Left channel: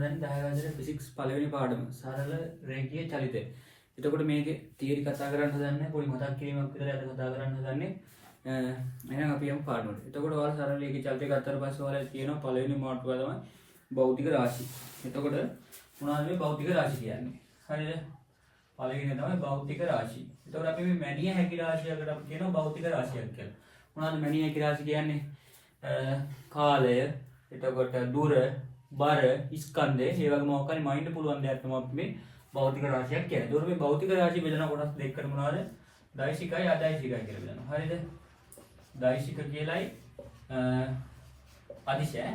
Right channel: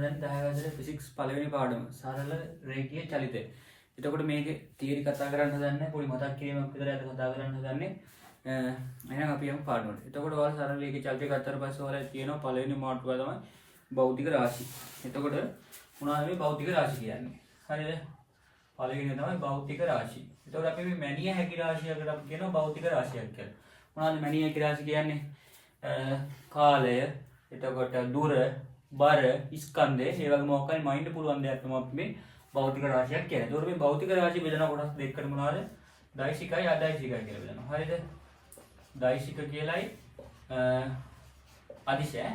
දැන් 10 හදේ ෆිසික්ස් පළවෙනි පාඩම සරල රේඛීය චලිතය. එතකොට මේකේ තියරි කතා කරන්න හදන්නේ පොඩි මතක් කිරීමක් විතරයි අද කතා කරන්න හදන්නේ. එහෙනම් අපි යමු පාඩමට. එතකොට ඔයාලා සරල රේඛීය චලිතය ගත්තට පස්සේ ඔයාලා තියෙනවා පළවෙනි මාතෘකාව තමයි භෞතික රාශි. එතකොට මොනවද මේ භෞතික රාශි කියන්නේ? හරිද? පළවෙනි තමයි භෞතික රාශි. එතකොට අපි මේ මැනිය හැකි රාශියකට අපි කියනවා භෞතික රාශියක් කියලා. මොනවද මැනිය හැකි රාශි කියන්නේ? කාලය, එතකොට දුර, බර, ස්කන්ධය, ඒ වගේ මොකක් හරි මයින්ඩ් පුළුවන් දෙයක් තමයි අපි මේ භෞතික රාශියක් කියන්නේ. ඒතකොට මේ භෞතික රාශිය බෙදන කොටස් දෙකකට මොනවද? දෛශිකයි අදෛශිකයි කියලා බෙදනවා. හරිද? දෛශික කියලයි අදිශය.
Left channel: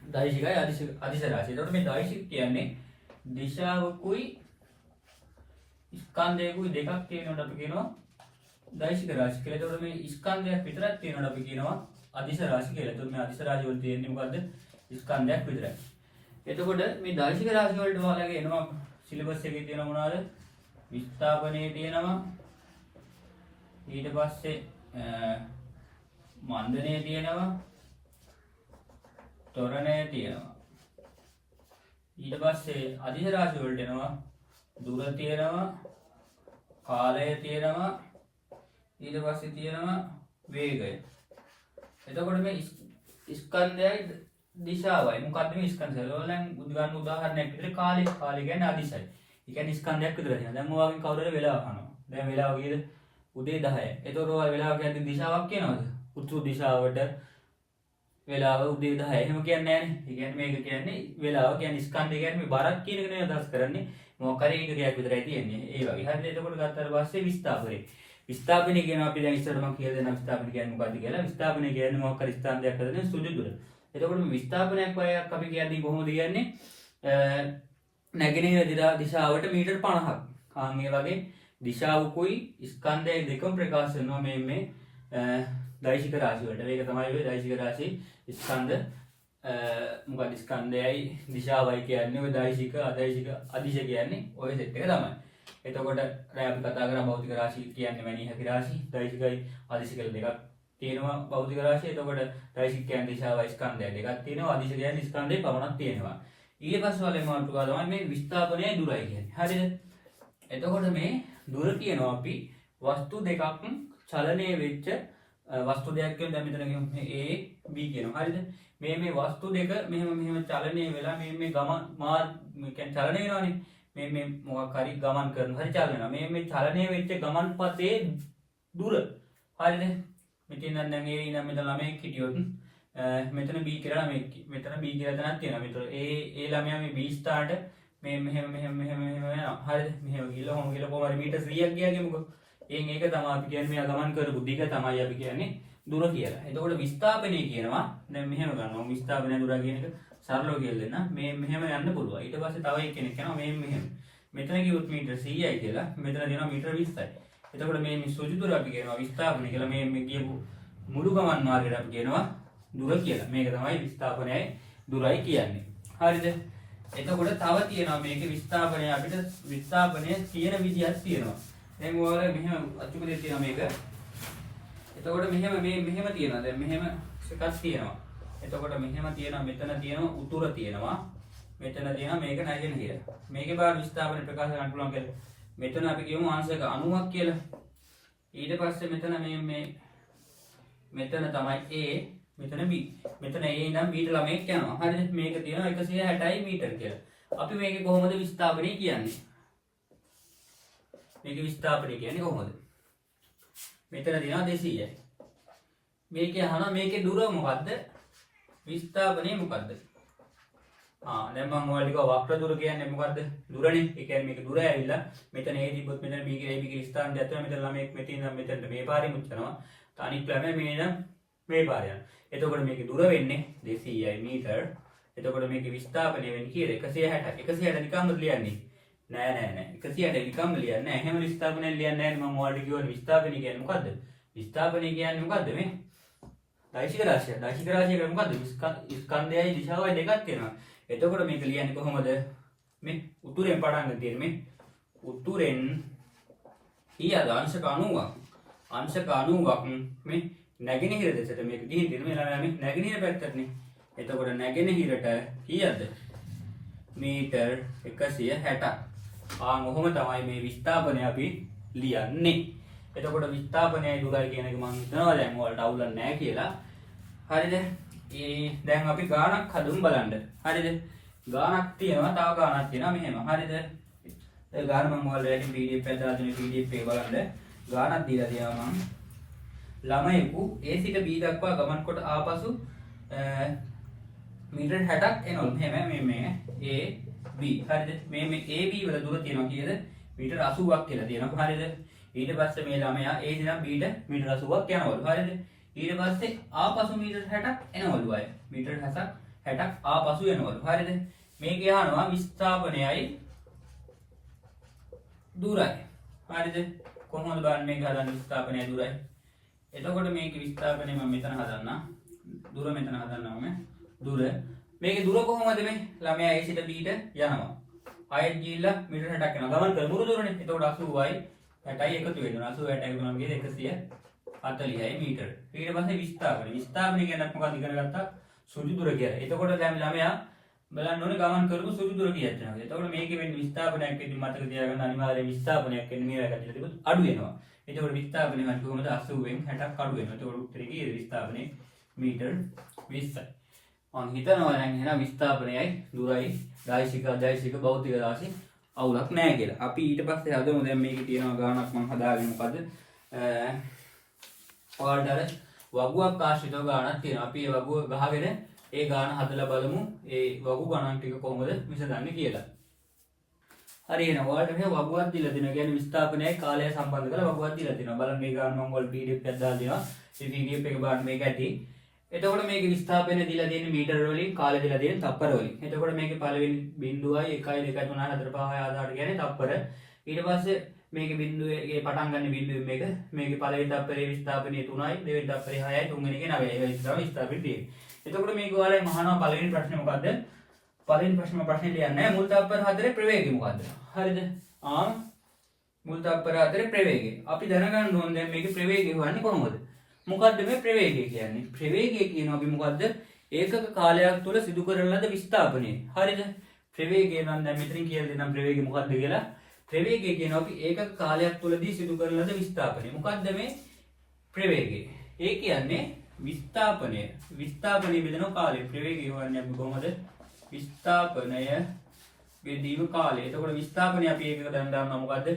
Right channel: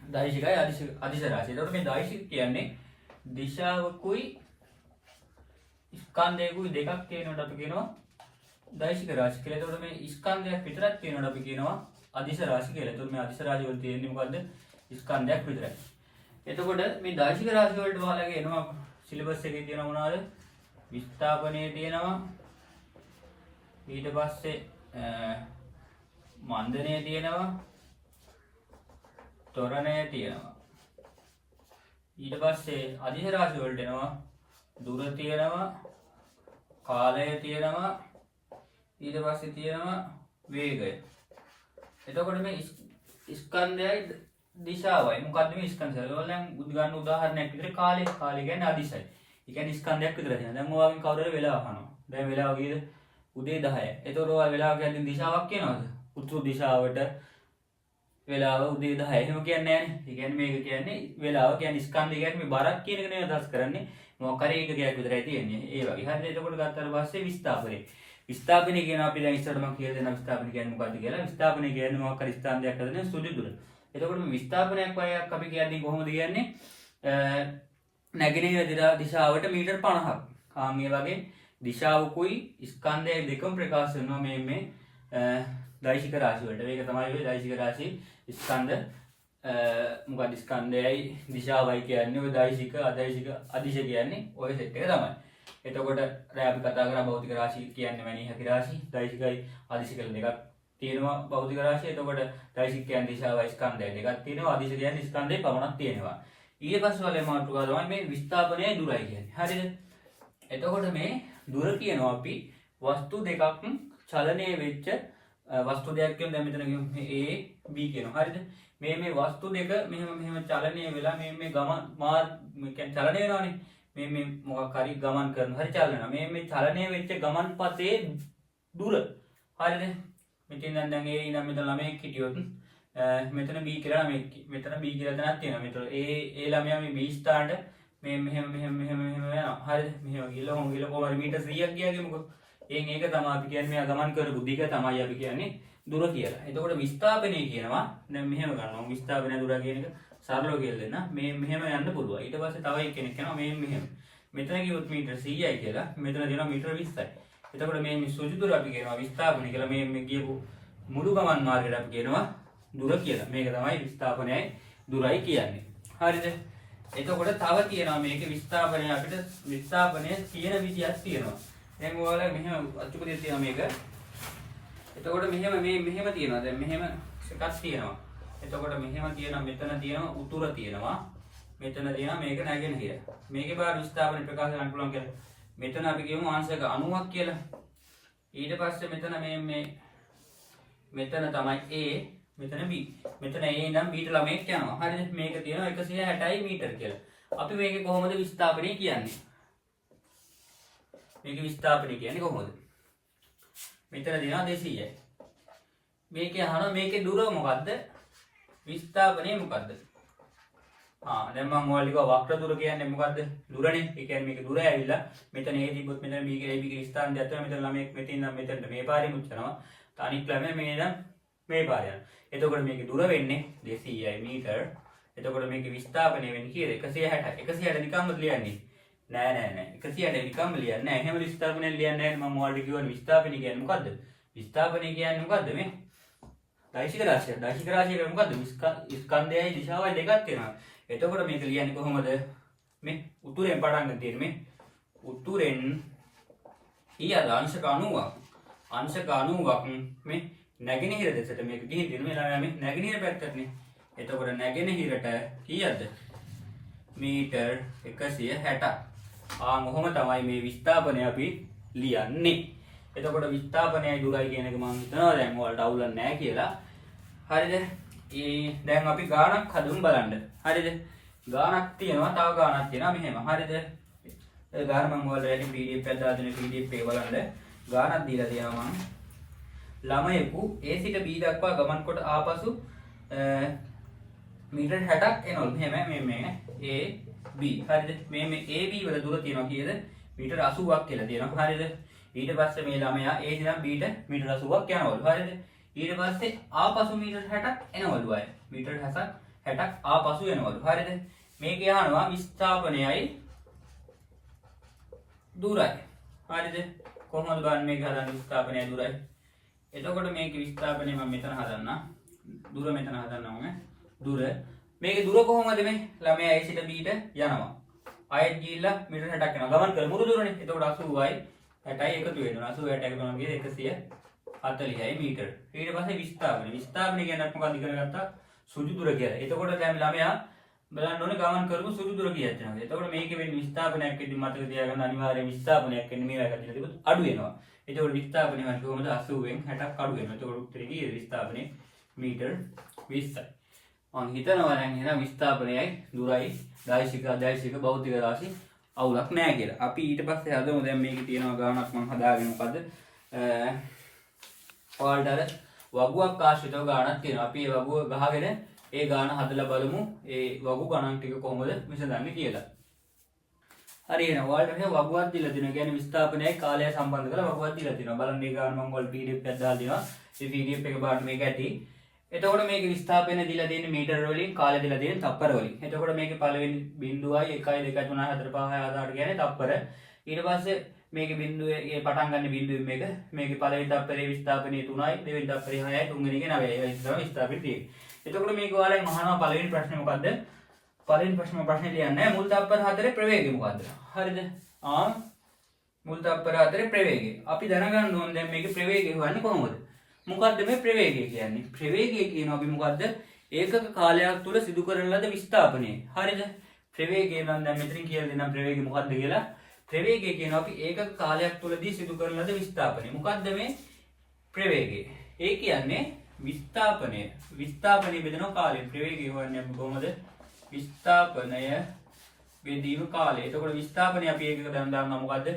දෛශිකයි අදිශ රාශිය. ඒතකොට මේ දෛශික කියන්නේ දිශාවකුයි ස්කන්ධයකුයි දෙකක් තියෙනකොට අපි කියනවා දෛශික රාශි කියලා. ඒතකොට මේ ස්කන්ධයක් විතරක් තියෙනකොට අපි කියනවා අදිශ රාශි කියලා. ඒතකොට මේ අදිශ රාශි වල තියෙන්නේ මොකද්ද? ස්කන්ධයක් විතරයි. එතකොට මේ දෛශික රාශි වලට ඔයාලගේ එනවා සිලබස් එකේ තියෙන මොනවාද? විස්ථාපනයේ තියෙනවා. ඊට පස්සේ මන්දනයේ තියෙනවා. ත්වරණයේ තියෙනවා. ඊට පස්සේ අදිශ රාශි වලට එනවා දුර තියෙනවා. කාලය තියෙනවා. ඊට පස්සේ තියෙනවා වේගය. එතකොට මේ ස්කන්ධයයි දිශාවයි මොකද්ද මේ ස්කන්ධය? ඔයාලා ගන්න උදාහරණයක් විදිහට කාලය කියන්නේ අදිශයි. ඒ කියන්නේ ස්කන්ධයක් විතර තියෙනවා. දැන් ඔයාගෙන් කවුරු හරි වෙලාව අහනවා. දැන් වෙලාව කීයද? උදේ 10යි. එතකොට ඔයාලා වෙලාව කියන්නේ දිශාවක් කියනවද? උතුරු දිශාවට වෙලාව උදේ 10යි. එහෙම කියන්නේ නැහැ නේ. ඒ කියන්නේ මේක කියන්නේ වෙලාව කියන්නේ ස්කන්ධය කියන්නේ මේ බරක් කියන එක නෙවෙයි අදහස් කරන්නේ. මොකක් හරි එකකයක් විතරයි තියෙන්නේ. ඒ වගේ. හරිද? එතකොට ගත්තාට පස්සේ විස්ථාපනය. විස්ථාපනය කියනවා අපි දැන් ඉස්සරහට මම කියලා දෙනවා විස්ථාපනය කියන්නේ මොකක්ද කියලා. විස්ථාපනය කියන්නේ මොකක් හරි ස්ථානයක් හදන සුළු දුර. එතකොට මේ විස්ථාපනයක් වගේක් අපි කියන්නේ කොහොමද කියන්නේ? නැගෙනහිර දිශාවට මීටර් 50ක්. මේ වගේ දිශාවකුයි ස්කන්ධයයි දෙකම ප්‍රකාශ වෙනවා මේ දෛශික රාශි වලට. මේක තමයි ඔය දෛශික රාශි ස්කන්ධ මොකක්ද ස්කන්ධයයි දිශාවයි කියන්නේ ඔය දෛශික අදෛශික අදිශ කියන්නේ ඔය සෙට් එක තමයි. එතකොට දැන් අපි කතා කරා භෞතික රාශි කියන්නේ මැනිය හැකි රාශි. දෛශිකයි අදිශ කියලා දෙකක් තියෙනවා භෞතික රාශිය. එතකොට දෛශික කියන්නේ දිශාවයි ස්කන්ධය දෙකක් තියෙනවා. අදිශ කියන්නේ ස්කන්ධේ පමණක් තියෙනවා. ඊට පස්සේ වල මාතෘකාව තමයි මේ විස්ථාපනයයි දුරයි කියන්නේ. හරිද? එතකොට මේ දුර කියනවා අපි වස්තු දෙකක් චලනය වෙච්ච වස්තු දෙකක් කියන දැන් මෙතන කියමු A B කියනවා. හරිද? මේ වස්තු දෙක මෙහෙම චලනය වෙලා මේ ගමන් කියන්නේ චලනය වෙනවානේ. මේ මොකක් හරි ගමන් කරන හරි චලන වෙනවා. මේ චලනය වෙච්ච ගමන් පතේ දුර. හරිද? මෙතන දැන් A ඉඳන් මෙතන ළමයෙක් හිටියොත් මෙතන B කියලා මෙතන B කියලා තැනක් තියෙනවා. මෙතන A ළමයා මේ B ස්ථානට මේ මෙහෙම යනවා. හරිද? මෙහෙම ගිහලා කොහොම හරි මීටර් 100ක් ගියා කියමුකෝ. ඒක තමයි අපි කියන්නේ මෙයා ගමන් කරපු දිග තමයි අපි කියන්නේ දුර කියලා. එතකොට විස්ථාපනය කියනවා දැන් මෙහෙම ගන්නවා. විස්ථාපනය දුර කියන එක සරලව කියලා දෙන්න. මේ මෙහෙම යන්න පුළුවන්. ඊට පස්සේ තව කෙනෙක් යනවා මෙහෙම. මෙතන කිව්වොත් මීටර් 100යි කියලා. මෙතන දෙනවා මීටර් 20යි. එතකොට මේ සුජු දුර අපි කියනවා විස්ථාපනය කියලා. මේ කියපු මුළු ගමන් මාර්ගයට අපි කියනවා දුර කියලා. මේක තමයි විස්ථාපනයයි දුරයි කියන්නේ. හරිද? එතකොට තව තියෙනවා මේකේ විස්ථාපනය අපිට විස්ථාපනය කියන විදිහක් තියෙනවා. දැන් ඔයාලා මෙහෙම අච්චුපදේ තියෙනවා මේක. එතකොට මෙහෙම තියෙනවා. දැන් මෙහෙම එකක් තියෙනවා. එතකොට මෙහෙම තියෙනවා මෙතන තියෙනවා උතුර තියෙනවා. මෙතන තියෙනවා මේක නැගෙනහිර. මේකේ බාර විස්ථාපනය ප්‍රකාශ කරන්න පුළුවන් කියලා. මෙතන අපි කියමු අංශක 90ක් කියලා. ඊට පස්සේ මෙතන මෙතන තමයි A මෙතන B. මෙතන A ඉඳන් B ට ළමෙක් යනවා. හරිද? මේක තියෙනවා 160යි මීටර කියලා. අපි මේකේ කොහොමද විස්ථාපනය කියන්නේ? මේකේ විස්ථාපනය කියන්නේ කොහොමද? මෙතන තියෙනවා 200යි. මේකේ අහනවා මේකේ දුර මොකද්ද? විස්ථාපනය මොකද්ද? දැන් මම ඔයාලට කිව්වා වක්‍ර දුර කියන්නේ මොකද්ද? දුරනේ. ඒ කියන්නේ මේක දුර ඇවිල්ලා මෙතන A තිබ්බොත් මෙතන B කියලා ස්ථාන දෙයක් තියෙනවා. මෙතන ළමෙක් මෙතන ඉඳන් මෙතනට මේ පාරේ මුච්චනවා. අනිත් ළමයා මේ ඉඳන් මේ පාරේ යනවා. එතකොට මේකේ දුර වෙන්නේ 200යි මීටර. එතකොට මේකේ විස්ථාපනය වෙන්නේ කීයද? 160. 160 නිකම්ම ලියන්නේ. නෑ. 160 නිකම්ම ලියන්නේ නෑ. එහෙම විස්ථාපනය ලියන්නේ නෑ. මම ඔයාලට කිව්වනේ විස්ථාපනය කියන්නේ මොකද්ද? විස්ථාපනය කියන්නේ මොකද්ද මේ? දෛශික රාශිය. දෛශික රාශිය කියන්නේ මොකද්ද? ස්කන්ධයයි දිශාවයි දෙකක් තියෙනවා. එතකොට මේක ලියන්නේ කොහොමද? මේ උතුරෙන් පටන් ගන්න තියෙන්නේ මේ උතුරෙන් ඊයද අංශක 90ක්. අංශක 90ක් මේ නැගෙනහිර දෙසට මේක ගිහින් තියෙනවා. ඊළඟට මේ නැගෙනහිර පැත්තටනේ. එතකොට නැගෙනහිරට කීයක්ද? මීටර් 160ක්. කොහොම තමයි මේ විස්ථාපනය අපි ලියන්නේ. එතකොට විස්ථාපනයයි දුරයි කියන එක මම හිතනවා දැන් ඔයාලට අවුලක් නැහැ කියලා. හරිද? දැන් අපි ගාණක් හදමු බලන්න. හරිද? ගාණක් තියෙනවා, තව ගාණක් තියෙනවා මෙහෙම. හරිද? ගාණ මම ඔයාලට PDF එකක් දාලා දෙන PDF එක බලන්න. ගාණක් දීලා තියෙනවා මම. ළමයෙකු A සිට B දක්වා ගමන් කොට ආපසු මීටර් 60ක් එනවලු. මෙහෙම මේ A B. හරිද? මේ A B වල දුර තියෙනවා කීයද? මීටර් 80ක් කියලා තියෙනවා. හරිද? ඊට පස්සේ මේ ළමයා A ඉඳන් B ට මීටර් 80ක් යනවලු. හරිද? ඊට පස්සේ ආපසු මීටර් 60ක් එනවලු අය. මීටර් 60ක් ආපසු එනවලු. හරිද? මේක යනවා විස්ථාපනයයි දුරයි. හරිද? කොහොමද බලන්න මේක හදන්න විස්ථාපනයයි දුරයි. එතකොට මේක විස්ථාපනය මම මෙතන හදන්නම්. දුර මෙතන හදන්නම් මම. දුර. මේකේ දුර කොහොමද මේ? ළමයා A සිට B ට යනවා. ආයෙත් ගිහිල්ලා මීටර් 60ක් යනවා. ගමන් කර මුරු දුරනේ. එතකොට 80යි 60යි එකතු වෙනවා. 80ට එකතු වෙනවා කියන්නේ 140යි මීටර. ඊට පස්සේ විස්ථාපනය. විස්ථාපනය කියන්නේ මොකක්ද ඉගෙන ගත්තා? සුදු දුර කියලා. එතකොට දැන් ළමයා බලන්න ඕනේ ගමන් කරපු සුදු දුර කීයක් යනවද? එතකොට මේකේ වෙන්නේ විස්ථාපනයක් වෙද්දි මතක තියාගන්න අනිවාර්යයෙන් විස්ථාපනයක් වෙන්නේ මේ වගේ කටට තිබුත් අඩු වෙනවා. එතකොට විස්ථාපනය වන්නේ කොහොමද? 80න් 60ක් අඩු වෙනවා. එතකොට උත්තරේ කීයද? විස්ථාපනය මීටර් 20යි. මම හිතනවා දැන් එහෙනම් විස්ථාපනයයි දුරයි දෛශික භෞතික රාශි අවුලක් නැහැ කියලා. අපි ඊට පස්සේ හදමු දැන් මේකේ තියෙනවා ගානක් මම හදාගෙන මොකද්ද? ඔයාලට අර වගුවක් ආශ්‍රිතව ගානක් තියෙනවා. අපි ඒ වගුව ගහගෙන ඒ ගාන හදලා බලමු. ඒ වගු ගණන් ටික කොහොමද විසඳන්නේ කියලා. හරි එහෙනම් ඔයාලට මේ වගුවක් දීලා දෙනවා. කියන්නේ විස්ථාපනයයි කාලය සම්බන්ධ කරලා වගුවක් දීලා තියෙනවා. බලන්න මේ ගාන මම ඔයාලට PDF එකක් දාලා දෙනවා. ඒ PDF එක බලන්න මේක ඇති. එතකොට මේක විස්ථාපනය දීලා දෙන්නේ මීටර වලින්, කාලය දීලා දෙන්නේ තප්පර වලින්. එතකොට මේකේ පළවෙනි බිඳුවයි 1යි 2යි 3යි 4 5 6 7 8 කියන්නේ තප්පර. ඊට පස්සේ මේකේ බිඳුවේ පටන් ගන්න බිඳුවෙන් මේකේ පළවෙනි තප්පරේ විස්ථාපනයේ 3යි, දෙවෙනි තප්පරේ 6යි, තුන්වෙනි එකේ 9යි. ඒවා ඉස්සරහ විස්ථාපනය තියෙන්නේ. එතකොට මේක ඔයාලෙන් අහනවා පළවෙනි ප්‍රශ්නේ මොකද්ද? පළවෙනි ප්‍රශ්නේ ලියන්නේ මුල් තප්පර 4 ප්‍රවේගය මොකද්ද? හරිද? මුල් තප්පර 4 ප්‍රවේගය. අපි දැනගන්න ඕනේ දැන් මේකේ ප්‍රවේගය හොයන්නේ කොහොමද? මොකද්ද මේ ප්‍රවේගය කියන්නේ? ප්‍රවේගය කියනවා අපි මොකද්ද? ඒකක කාලයක් තුල සිදු කරන ලද විස්ථාපනය. හරිද? ප්‍රවේගය නම් දැන් මෙතනින් කියලා දෙන්නම් ප්‍රවේගය මොකද්ද කියලා. ප්‍රවේගය කියනවා අපි ඒකක කාලයක් තුලදී සිදු කරන ලද විස්ථාපනය. මොකද්ද මේ ප්‍රවේගය? ඒ කියන්නේ විස්ථාපනය. විස්ථාපනය බෙදෙන කාලය. ප්‍රවේගය හොයන්නේ අපි කොහොමද? විස්ථාපනය බෙදීම කාලය. එතකොට විස්ථාපනය අපි ඒකක දැන් දානවා මොකද්ද?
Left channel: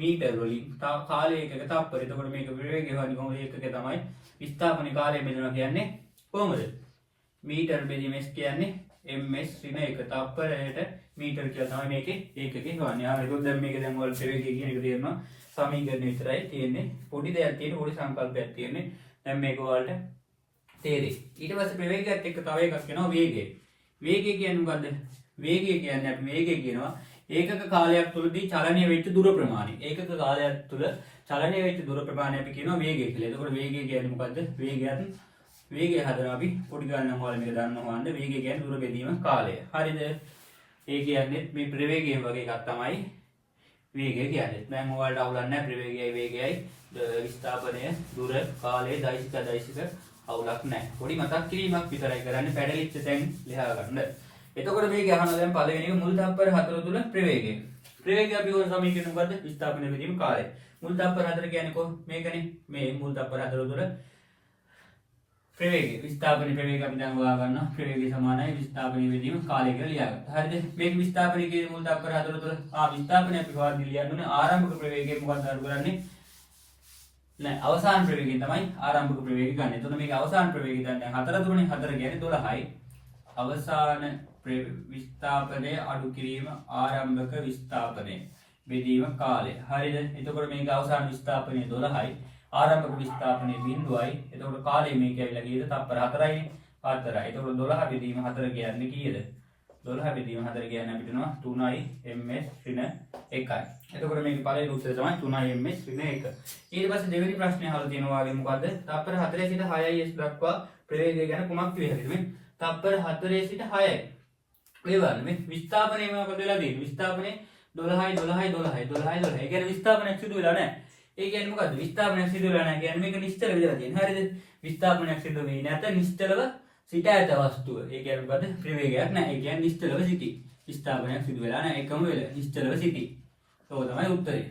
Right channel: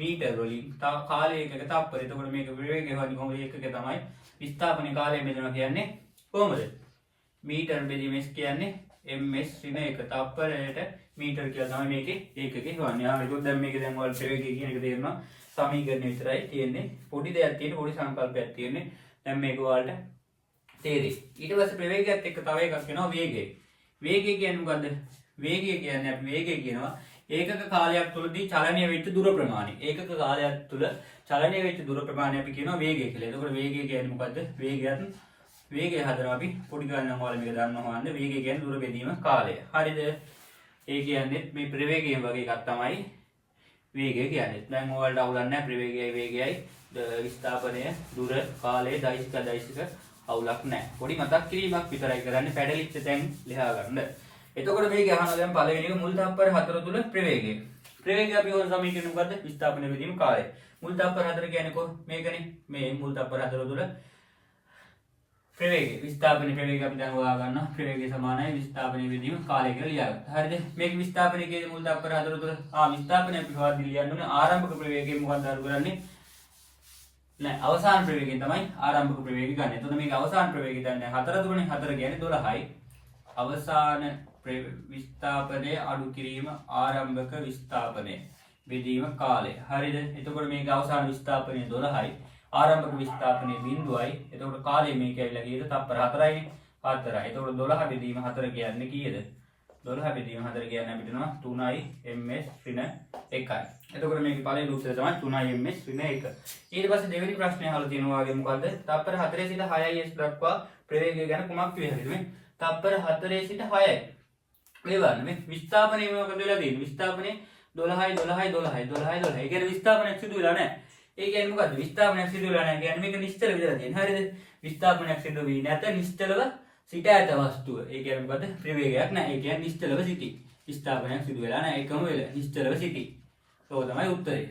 මීටර වලින්. කාලය එකක තප්පර. එතකොට මේක ප්‍රවේගය හොයන්නේ කොහොමද? ඒකක තමයි. විස්ථාපන කාලය බෙදනවා කියන්නේ කොහොමද? මීටර බෙදීම s කියන්නේ ms ඍණ 1 තප්පරයට මීටර කියලා තමයි මේකේ ඒකකේ හොයන්නේ. ඒක දැන් මේක දැන් ඔයාලට ප්‍රවේගය කියන එක තේරෙනවා. සමීකරණ විතරයි තියෙන්නේ. පොඩි දෙයක් තියෙන්නේ, පොඩි සංකල්පයක් තියෙන්නේ. දැන් මේක ඔයාලට තේරෙයි. ඊට පස්සේ ප්‍රවේගයත් එක්ක තව එකක් වෙනවා වේගය. වේගය කියන්නේ මොකද්ද? වේගය කියන්නේ අපි වේගය කියනවා ඒකක කාලයක් තුලදී චලනය වෙච්ච දුර ප්‍රමාණය. ඒකක කාලයක් තුල චලනය වෙච්ච දුර ප්‍රමාණය අපි කියනවා වේගය කියලා. එතකොට වේගය කියන්නේ මොකද්ද? වේගය හදනවා අපි පොඩි ගණන් වල මේක දන්නවා වන්ද වේගය කියන්නේ දුර බෙදීම කාලය. හරිද? ඒ කියන්නේ මේ ප්‍රවේගය වගේ එකක් තමයි වේගය කියන්නේ. දැන් ඔයාලට අවුලක් නැහැ ප්‍රවේගයයි වේගයයි විස්ථාපනය දුර කාලය දෛශික අවුලක් නැහැ. පොඩි මතක් කිරීමක් විතරයි කරන්නේ පැටලිච්ච තැන් ලියා ගන්න. එතකොට මේක අහනවා දැන් පළවෙනි එක මුල් තප්පර 4 තුල ප්‍රවේගය. ප්‍රවේගය අපි ඕන සමීකරණ මොකද්ද? විස්ථාපනය බෙදීම කාලය. මුල් තප්පර 4 කියන්නේ කොහොම? මේකනේ. මේ මුල් තප්පර 4 තුල ප්‍රවේගය. විස්ථාපන ප්‍රවේගය අපි දැන් හොයා ගන්නවා. ප්‍රවේගය සමානයි විස්ථාපනය බෙදීම කාලය කියලා ලියාගත්තා. හරිද? මේක විස්ථාපනය කියන්නේ මුල් තප්පර 4 තුල විස්ථාපනය අපි හොයද්දි ලියන්න ඕනේ ආරම්භක ප්‍රවේගය මොකක්ද අර කරන්නේ? නෑ අවසාන ප්‍රවේගයෙන් තමයි ආරම්භක ප්‍රවේගය ගන්න. එතකොට මේක අවසාන ප්‍රවේගය ගන්න 4 දුරනේ 4 කියන්නේ 12යි. අවසාන විස්ථාපනය අඩු කිරීම ආරම්භක විස්ථාපනය බෙදීම කාලය. හරිද? එතකොට මේක අවසාන විස්ථාපනය 12යි. ආරම්භක විස්ථාපනය 0යි. එතකොට කාලය මේක ඇවිල්ලා කීයද? තප්පර 4යිනේ. 4යි. එතකොට 12 බෙදීම 4 කියන්නේ කීයද? 12 බෙදීම 4 කියන්නේ අපිට එනවා 3යි ms ඍණ 1යි. එතකොට මේකේ පළවෙනි උත්තරය තමයි 3යි ms ඍණ 1. ඊට පස්සේ දෙවෙනි ප්‍රශ්නේ අහලා තියෙනවා වගේ මොකද්ද? තප්පර 4 සිට 6යි s දක්වා ප්‍රවේගය ගැන කුමක් කිය හැකිද මේ? තප්පර 4 සිට 6යි. මේ බලන්න මේ විස්ථාපනය මොකද වෙලා තියෙන්නේ? විස්ථාපනය 12යි 12යි 12යි 12යි 12යි. ඒ කියන්නේ විස්ථාපනයක් සිදු වෙලා නැහැ. ඒ කියන්නේ මොකද්ද? විස්ථාපනයක් සිදු වෙලා නැහැ කියන්නේ මේක නිශ්චල වෙලා තියෙනවා. හරිද? විස්ථාපනයක් සිදු වෙන්නේ නැත නිශ්චලව සිට ඇත වස්තුව. ඒ කියන්නේ මොකද්ද? ප්‍රවේගයක් නැහැ. ඒ කියන්නේ නිශ්චලව සිටි. ස්ථාපනයක් සිදු වෙලා නැහැ. එකම වෙල නිශ්චලව සිටී. ඒක තමයි උත්තරේ.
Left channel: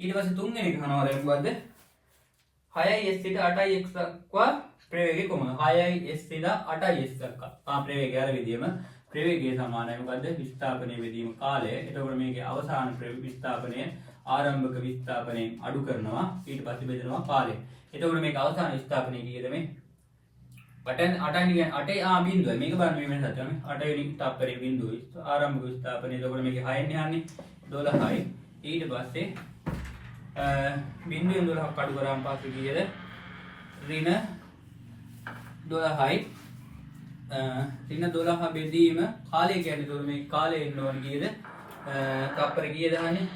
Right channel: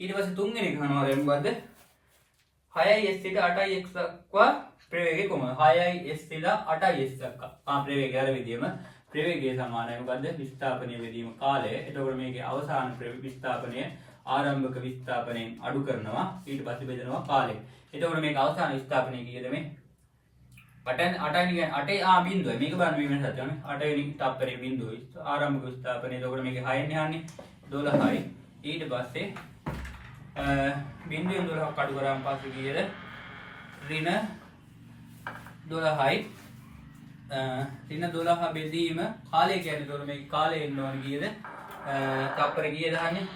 ඊට පස්සේ තුන්වෙනි එක අහනවා දැන් මොකද්ද? 6s සිට 8x දක්වා ප්‍රවේගය කොහොමද? 6s සිට 8s දක්වා. ප්‍රවේගය අර විදියම ප්‍රවේගය සමානයි මොකද්ද? විස්ථාපනයේ වෙදීම කාලය. එතකොට මේකේ අවසාන විස්ථාපනය ආරම්භක විස්ථාපනයෙන් අඩු කරනවා. ඊට පස්සේ බෙදනවා කාලය. එතකොට මේක අවසාන විස්ථාපනය කීයද මේ? 8 බිඳුවයි. මේක බලන්න වෙනසක් තියෙනවා. 8 වෙනි තප්පරේ බිඳුවයි. ආරම්භක විස්ථාපනය. එතකොට මේකේ 6 න් යන්නේ 12යි. ඊට පස්සේ බිඳුවෙන් 12ක් අඩු කරාම පස්සේ කීයද? ඍණ 12යි. ඍණ 12 බෙදීම කාලය කියන්නේ එතකොට මේ කාලය එන්න ඕනේ කීයද? තප්පර කීයද අහන්නේ?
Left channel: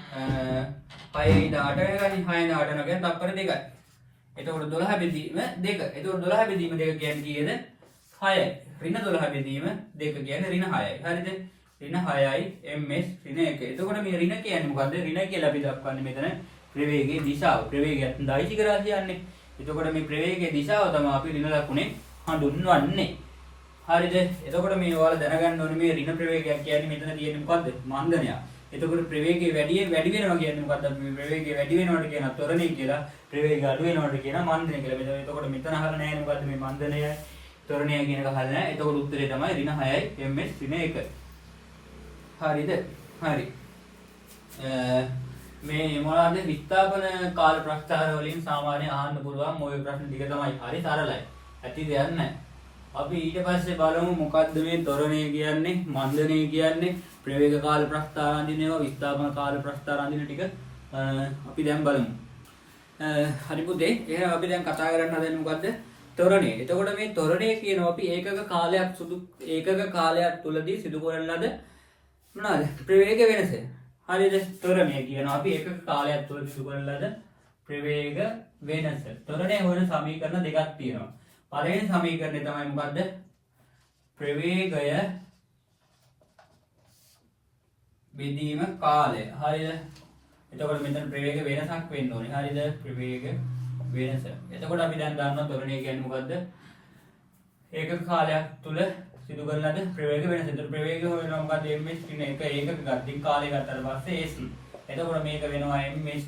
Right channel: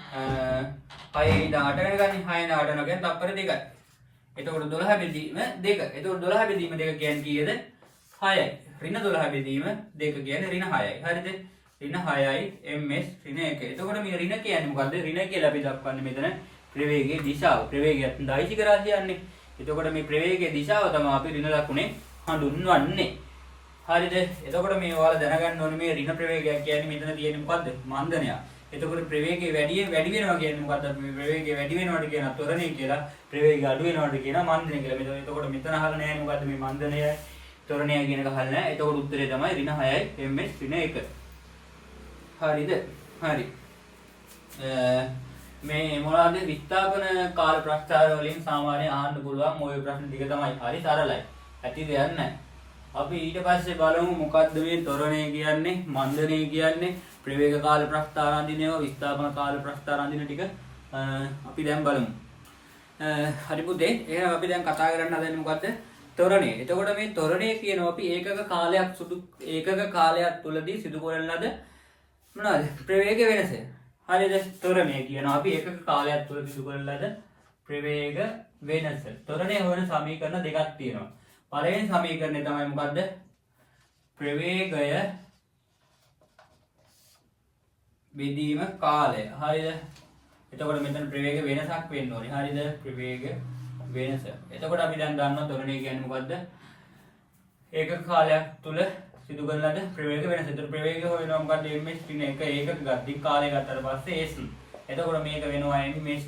6 ඉඳන් 8 වෙනකන් 6 ඉඳන් 8 වෙනකන් තප්පර 2යි. එතකොට 12 බෙදීම 2. එතකොට 12 බෙදීම 2 කියන්නේ කීයද? 6යි. ඍණ 12 බෙදීම 2 කියන්නේ ඍණ 6යි. හරිද? ඍණ 6යි ms ඍණ 1. එතකොට මේ ඍණ කියන්නේ මොකද්ද? ඍණ කියලා අපි දක්වන්නේ මෙතන ප්‍රවේගයේ දිශාව. ප්‍රවේගයත් දෛශික රාශියන්නේ. එතකොට මේ ප්‍රවේගයේ දිශාව තමයි අපි ඍණ ලකුණේ හඳුන්වන්නේ. හරිද? එතකොට මේ ඔයාලා දැනගන්න ඕනේ මේ ඍණ ප්‍රවේගයක් කියන්නේ මෙතන තියෙන්නේ මොකද්ද? මන්දනයක්. එතකොට ප්‍රවේගය වැඩි වෙනවා කියන්නේ මොකද්ද? මේ ප්‍රවේගය වැඩි වෙනවට කියන ත්වරණය කියලා, ප්‍රවේගය අඩු වෙනවට කියන මන්දනය කියලා. එතකොට මෙතන අහලා නැහැ මොකද්ද මේ මන්දනය ත්වරණය කියන එක අහලා නැහැ. එතකොට උත්තරේ තමයි ඍණ 6යි ms ඍණ 1. හරිද? හරි. මේ මොනවාද විස්ථාපන කාල ප්‍රස්ථාර වලින් සාමාන්‍ය අහන්න පුළුවන් ওই ප්‍රශ්න ටික තමයි. හරි සරලයි. ඇති දෙයක් නැහැ. අපි ඊට පස්සේ බලමු මොකද්ද මේ ත්වරණය කියන්නේ, මන්දනය කියන්නේ, ප්‍රවේග කාල ප්‍රස්ථාර අඳිනේව, විස්ථාපන කාල ප්‍රස්ථාර අඳින ටික අපි දැන් බලමු. හරි පුතේ, එහෙනම් අපි දැන් කතා කරන්න හදන්නේ මොකද්ද? ත්වරණය. එතකොට මේ ත්වරණය කියනවා අපි ඒකක කාලයක් තුලදී සිදු කරන ලද මොනවාද? ප්‍රවේග වෙනස. හරිද? ත්වරණය කියනවා අපි ඒකක කාලයක් තුල සිදු කරන ලද ප්‍රවේග වෙනස. ත්වරණය වන සමීකරණ දෙකක් තියෙනවා. පළවෙනි සමීකරණය තමයි මොකද්ද? ප්‍රවේගය බෙදීම කාලය. හරිද? එතකොට මෙතන ප්‍රවේග වෙනසක් වෙන්න ඕනේ. හරිද? ප්‍රවේග වෙනස. එතකොට අපි දැන් දන්නවා ත්වරණය කියන්නේ මොකද්ද? ඒකක කාලයක් තුල සිදු කරන ලද ප්‍රවේග වෙනස. එතකොට ප්‍රවේගය හොයනවා මොකද්ද? ms ඍණ 1 ඒකක ගතික කාලය ගත්තට පස්සේ ac. එතකොට මේක වෙනවා ms